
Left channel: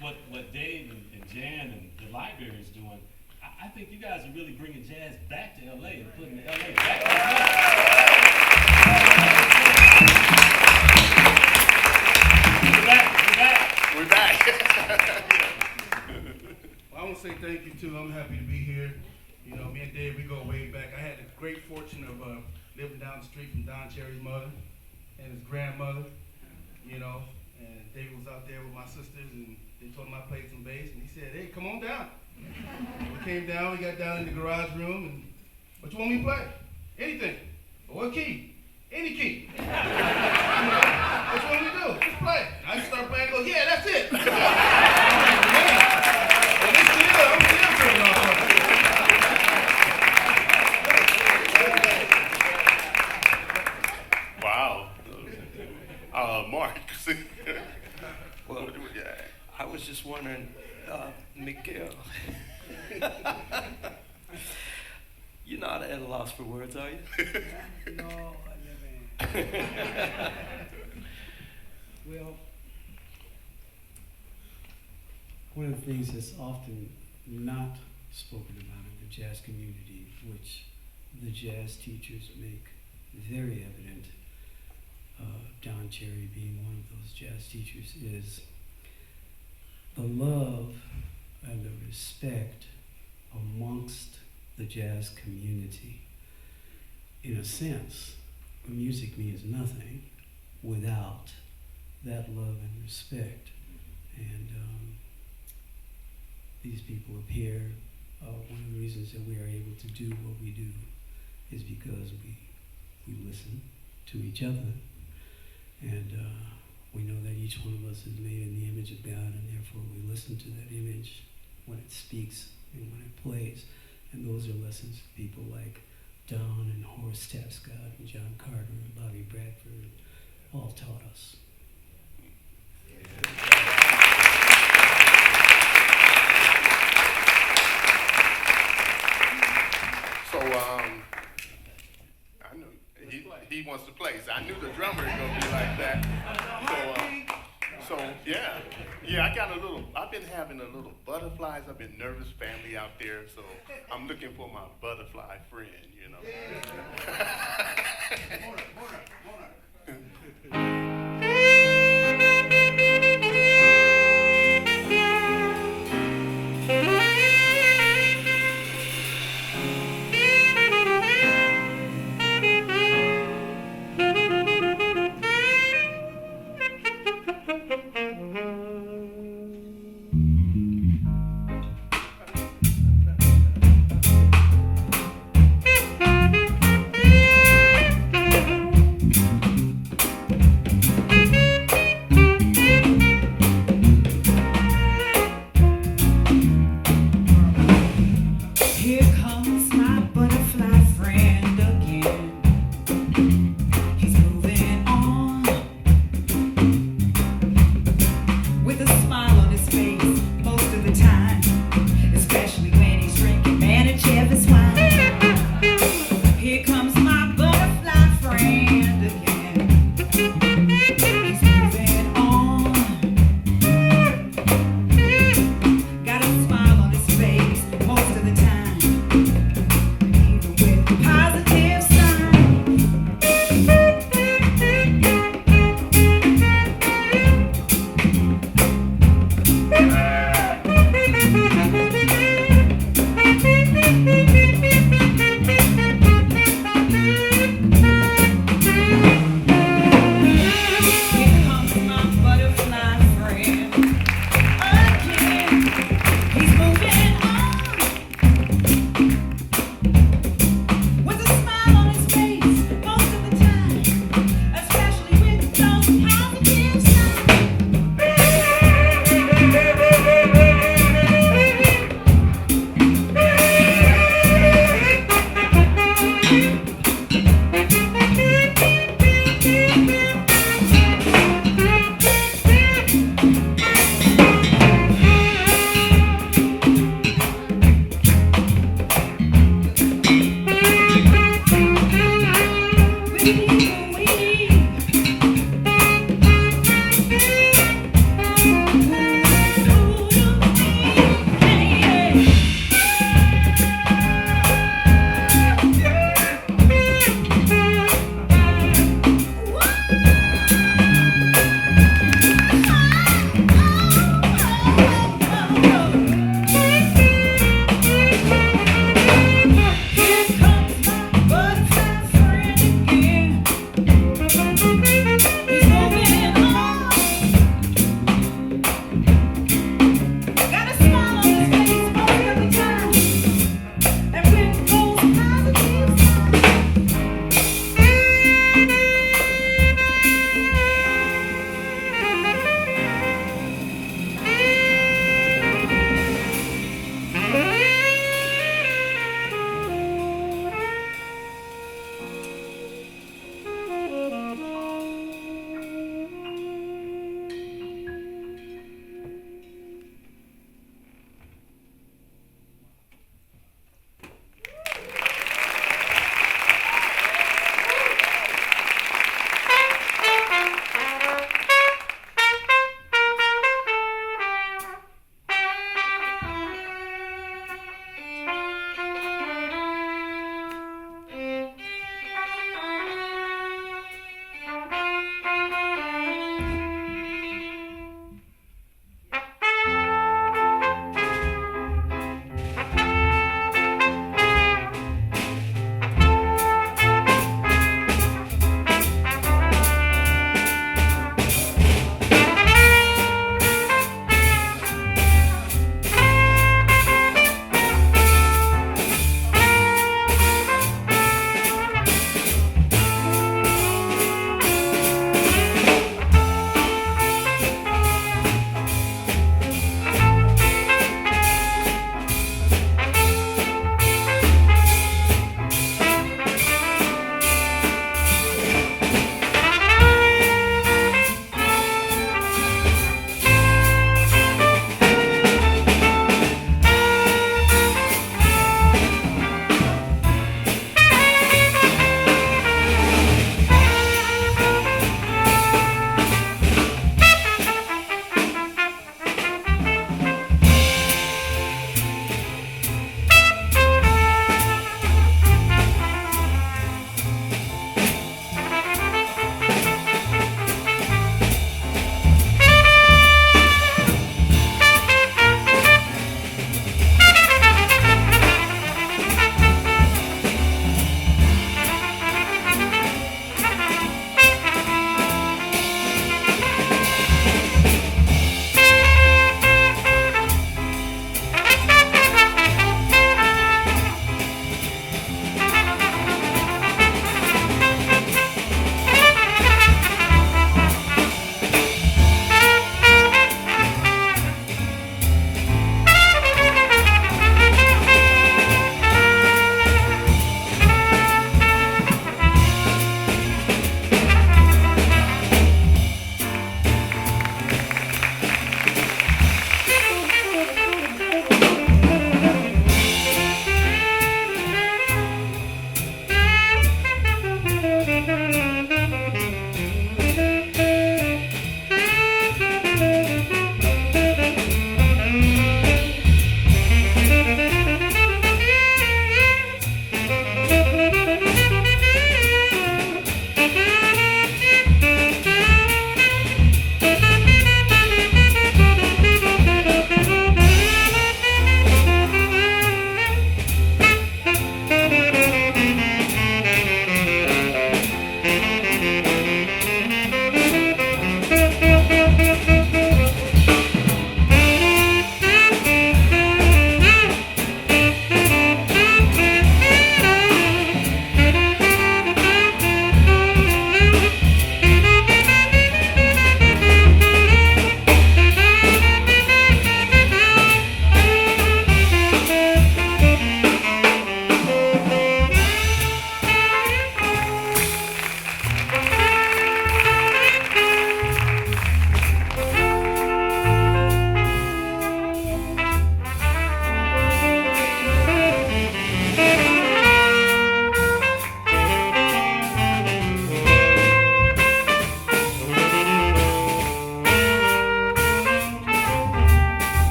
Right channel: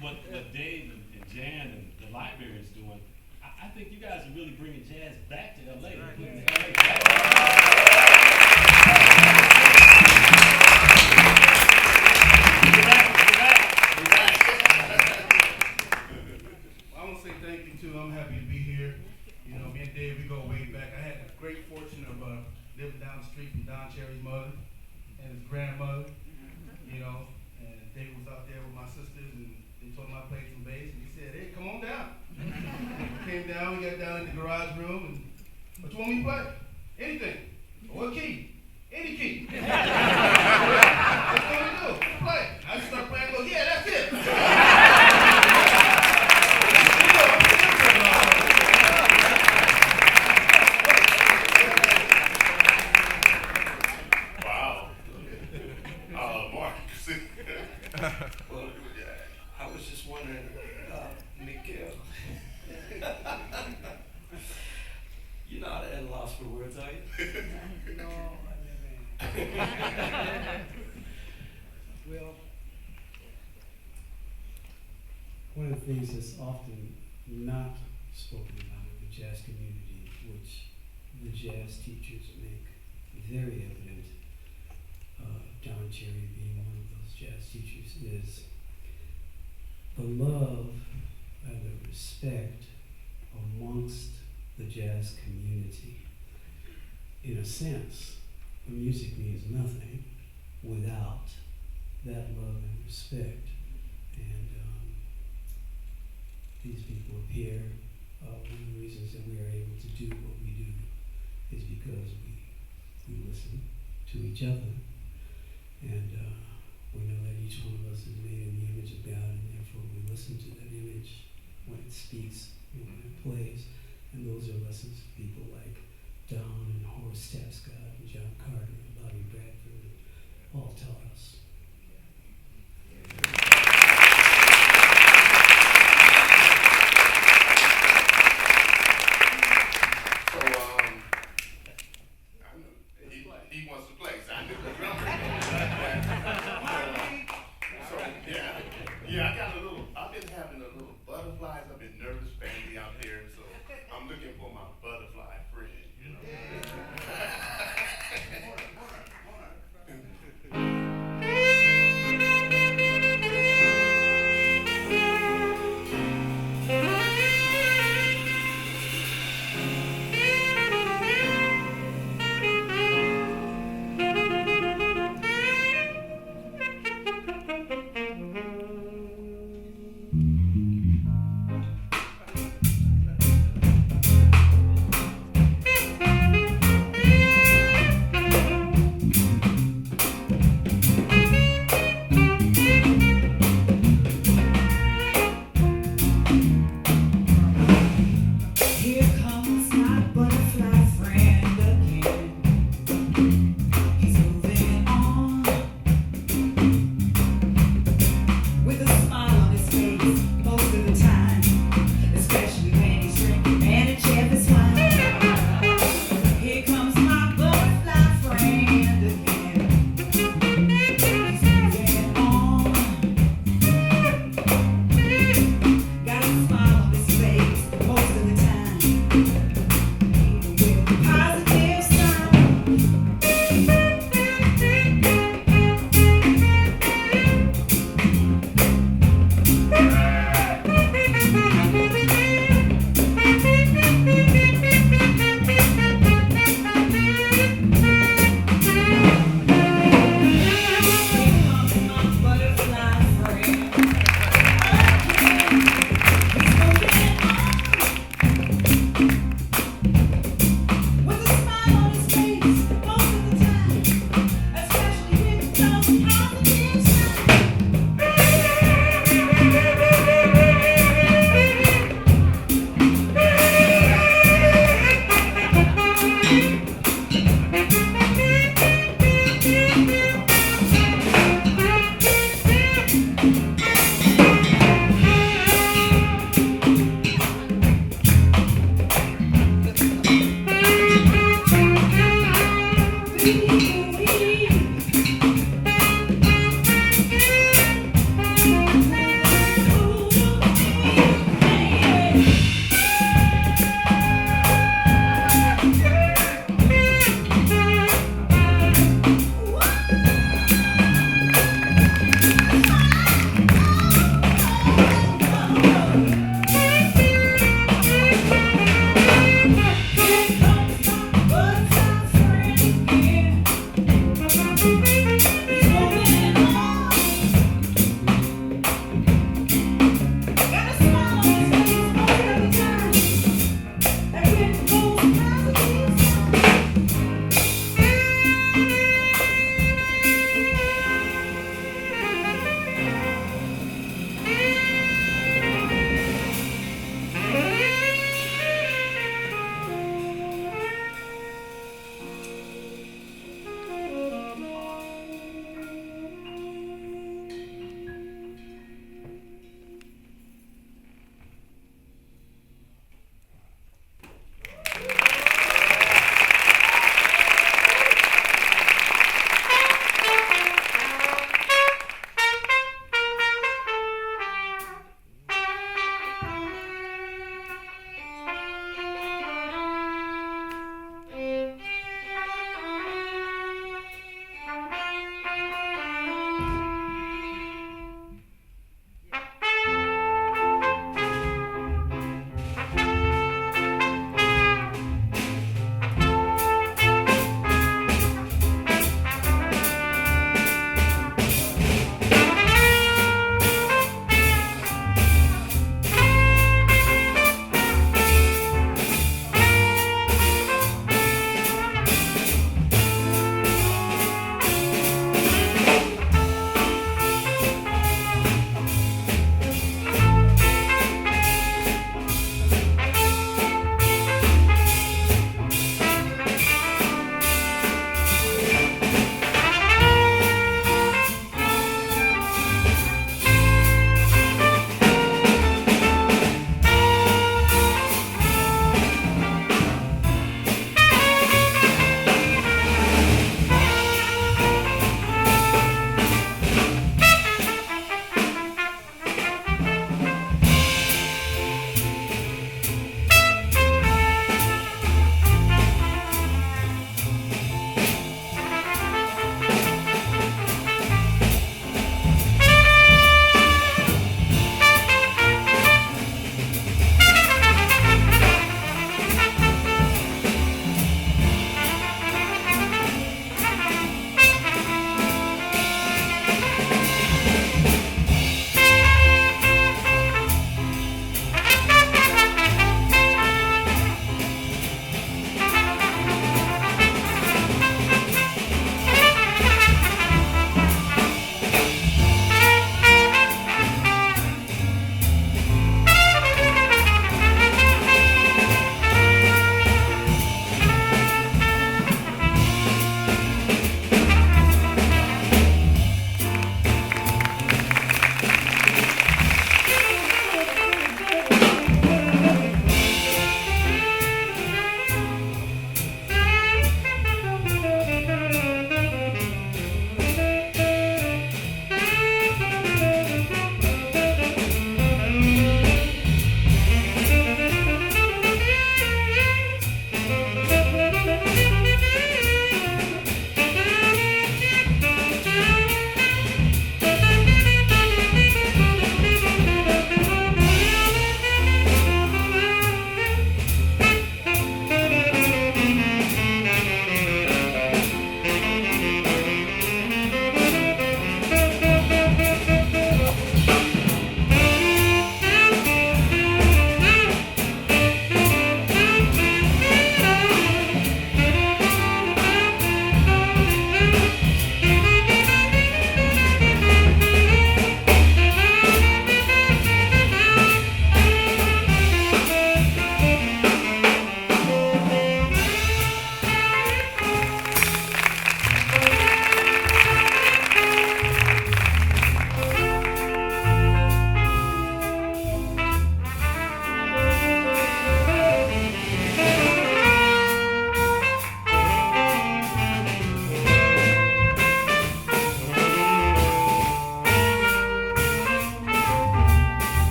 what Dave and Jan and the library is doing, I think you guys are really bringing jazz back to LA and putting LA back. We're back. Well, I want to say thank you too. I'm happy to be here. You know, me and Dave, we go way back. I had the great fortune of living down the street from Don Cherry's mother and his grandmother, you know, and David was out there with my sisters, and they told him I played some bass, and he said, hey, come on down. And we came down, we got down in the garage room, and what you want me to play? Anything. What key? Any key. What you want me to do? Play. I just start playing and go, yeah, that's it. And I'm still tripping off of it. Wow. Mark. Well, I was just wondering, Miguel, you're not at a loss for words, are you? No, I never am. Well, one of the things that's often not spoken about in the jazz community, which the jazz teachers make very evident, Don Cherry being one of those jazz teachers, is the love and the respect amongst the jazz community. In a sense, music means nothing without that love and respect. And these people up here, one of the reasons that we are able to do what we do is because we listen to each other. And we know that each one of us is made in the image of God, and therefore we listen to that image when it speaks and when it plays. And those are lessons people like Don and Horace Tapscott and John Carter and Bobby Bradford all taught us. So, I knew he wants to play. So I knew the drummer was gonna be like that. So yeah, I got I've been having a little butterflies. I've been nervous family out there, so I'm looking for my butterfly friend, you know.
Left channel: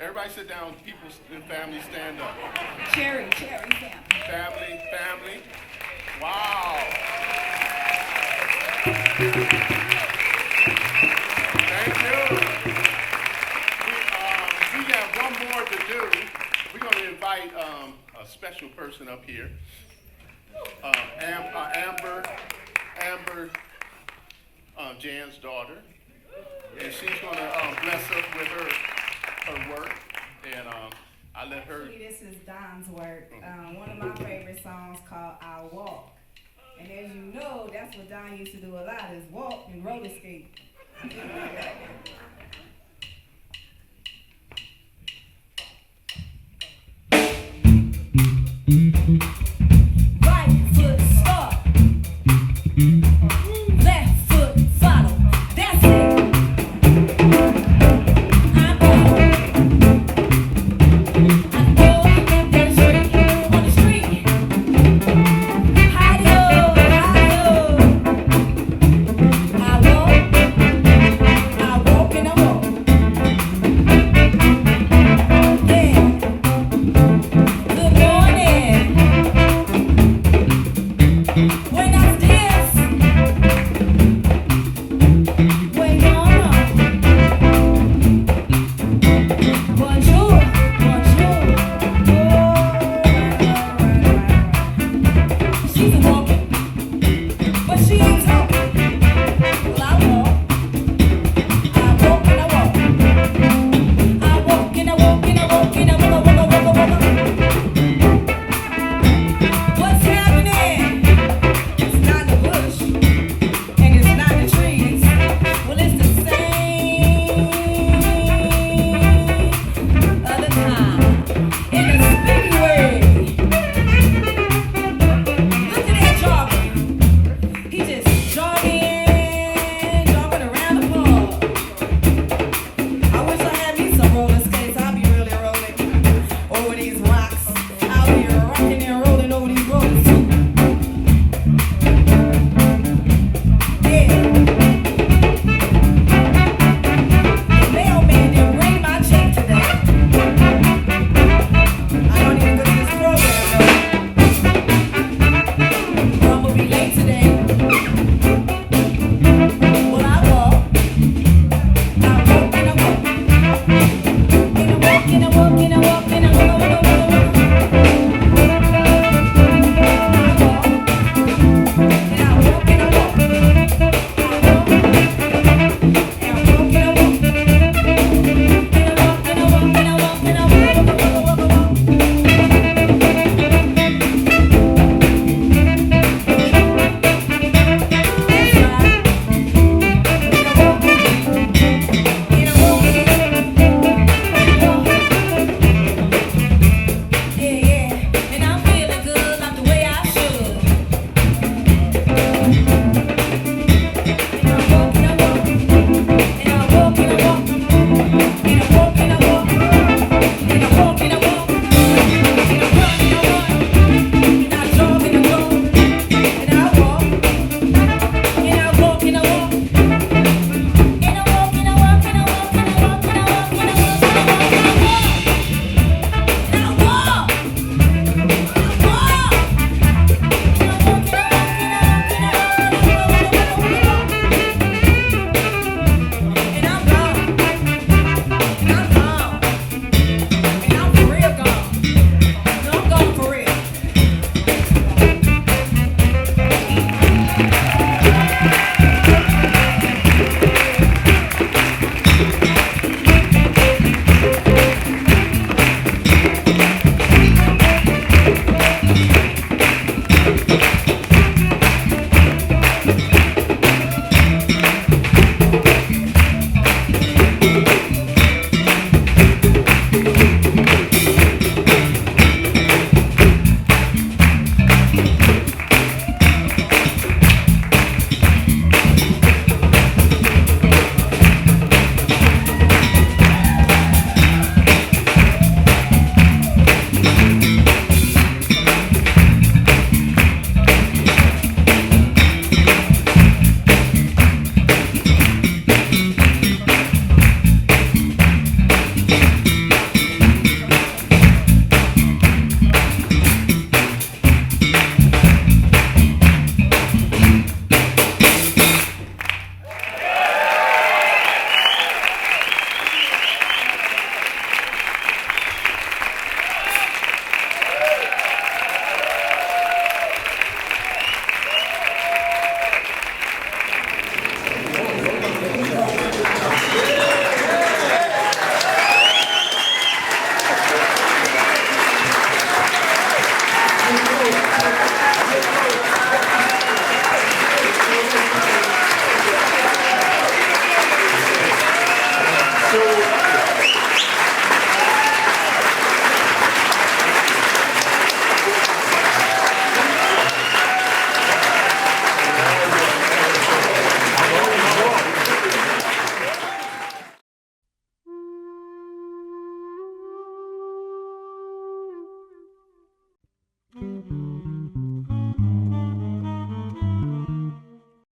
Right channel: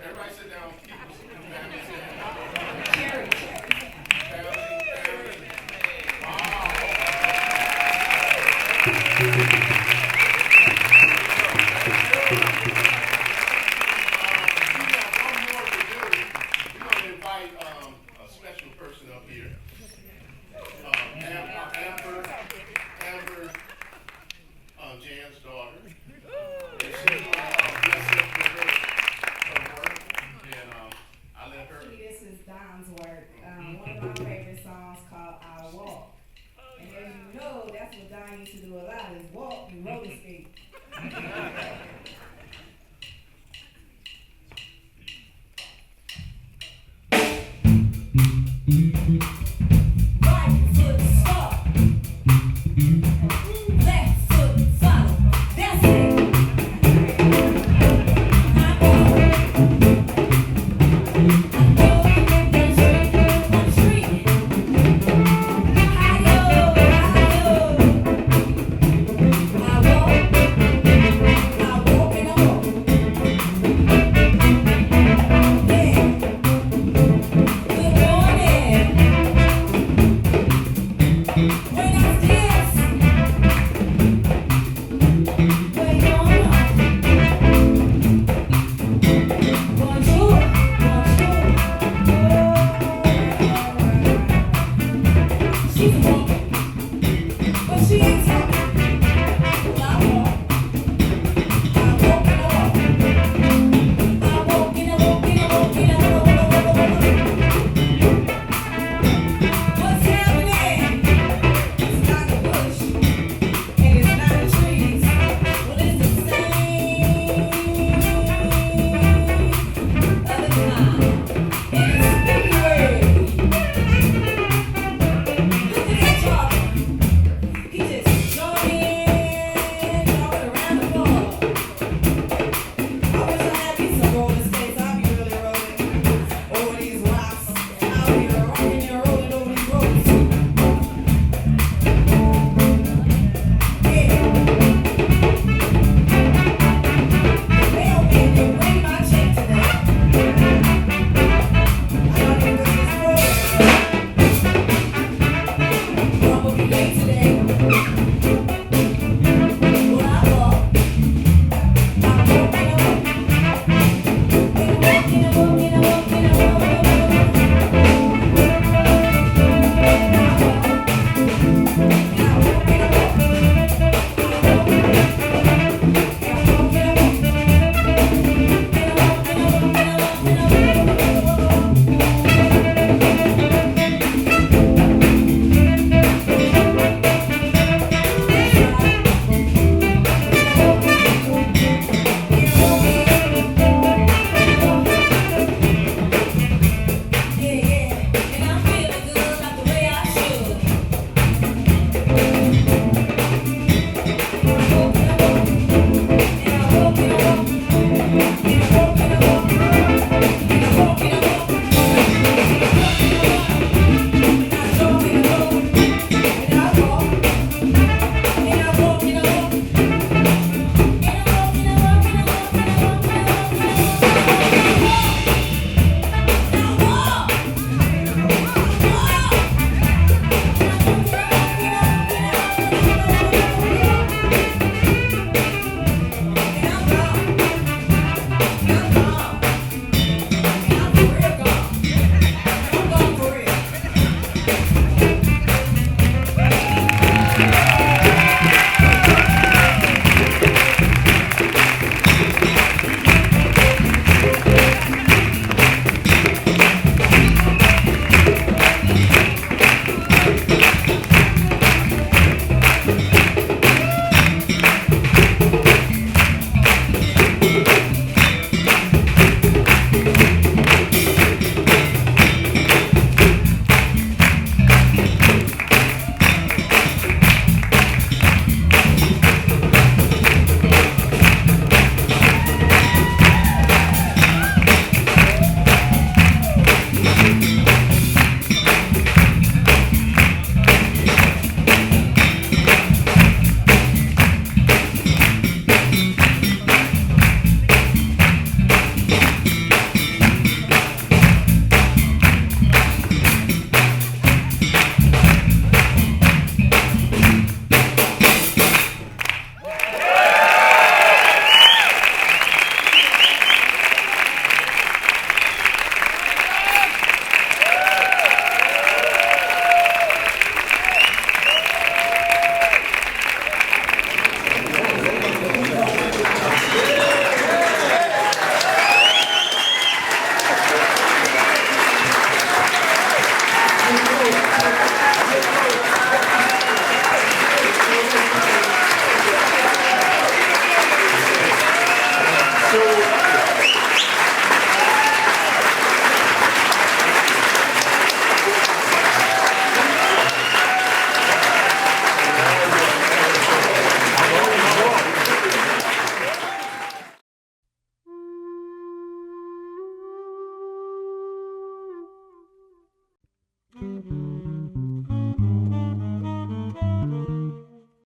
Everybody sit down, people and family stand up. Cherry, family. Family. Wow. Thank you. We have one more to do. We're going to invite a special person up here. Amber, Jan's daughter. And she's going to bless us with her work. And I let her. This is Don's work. One of my favorite songs called "I'll Walk." And as you know, that's what Don used to do a lot, is walk and roller skate.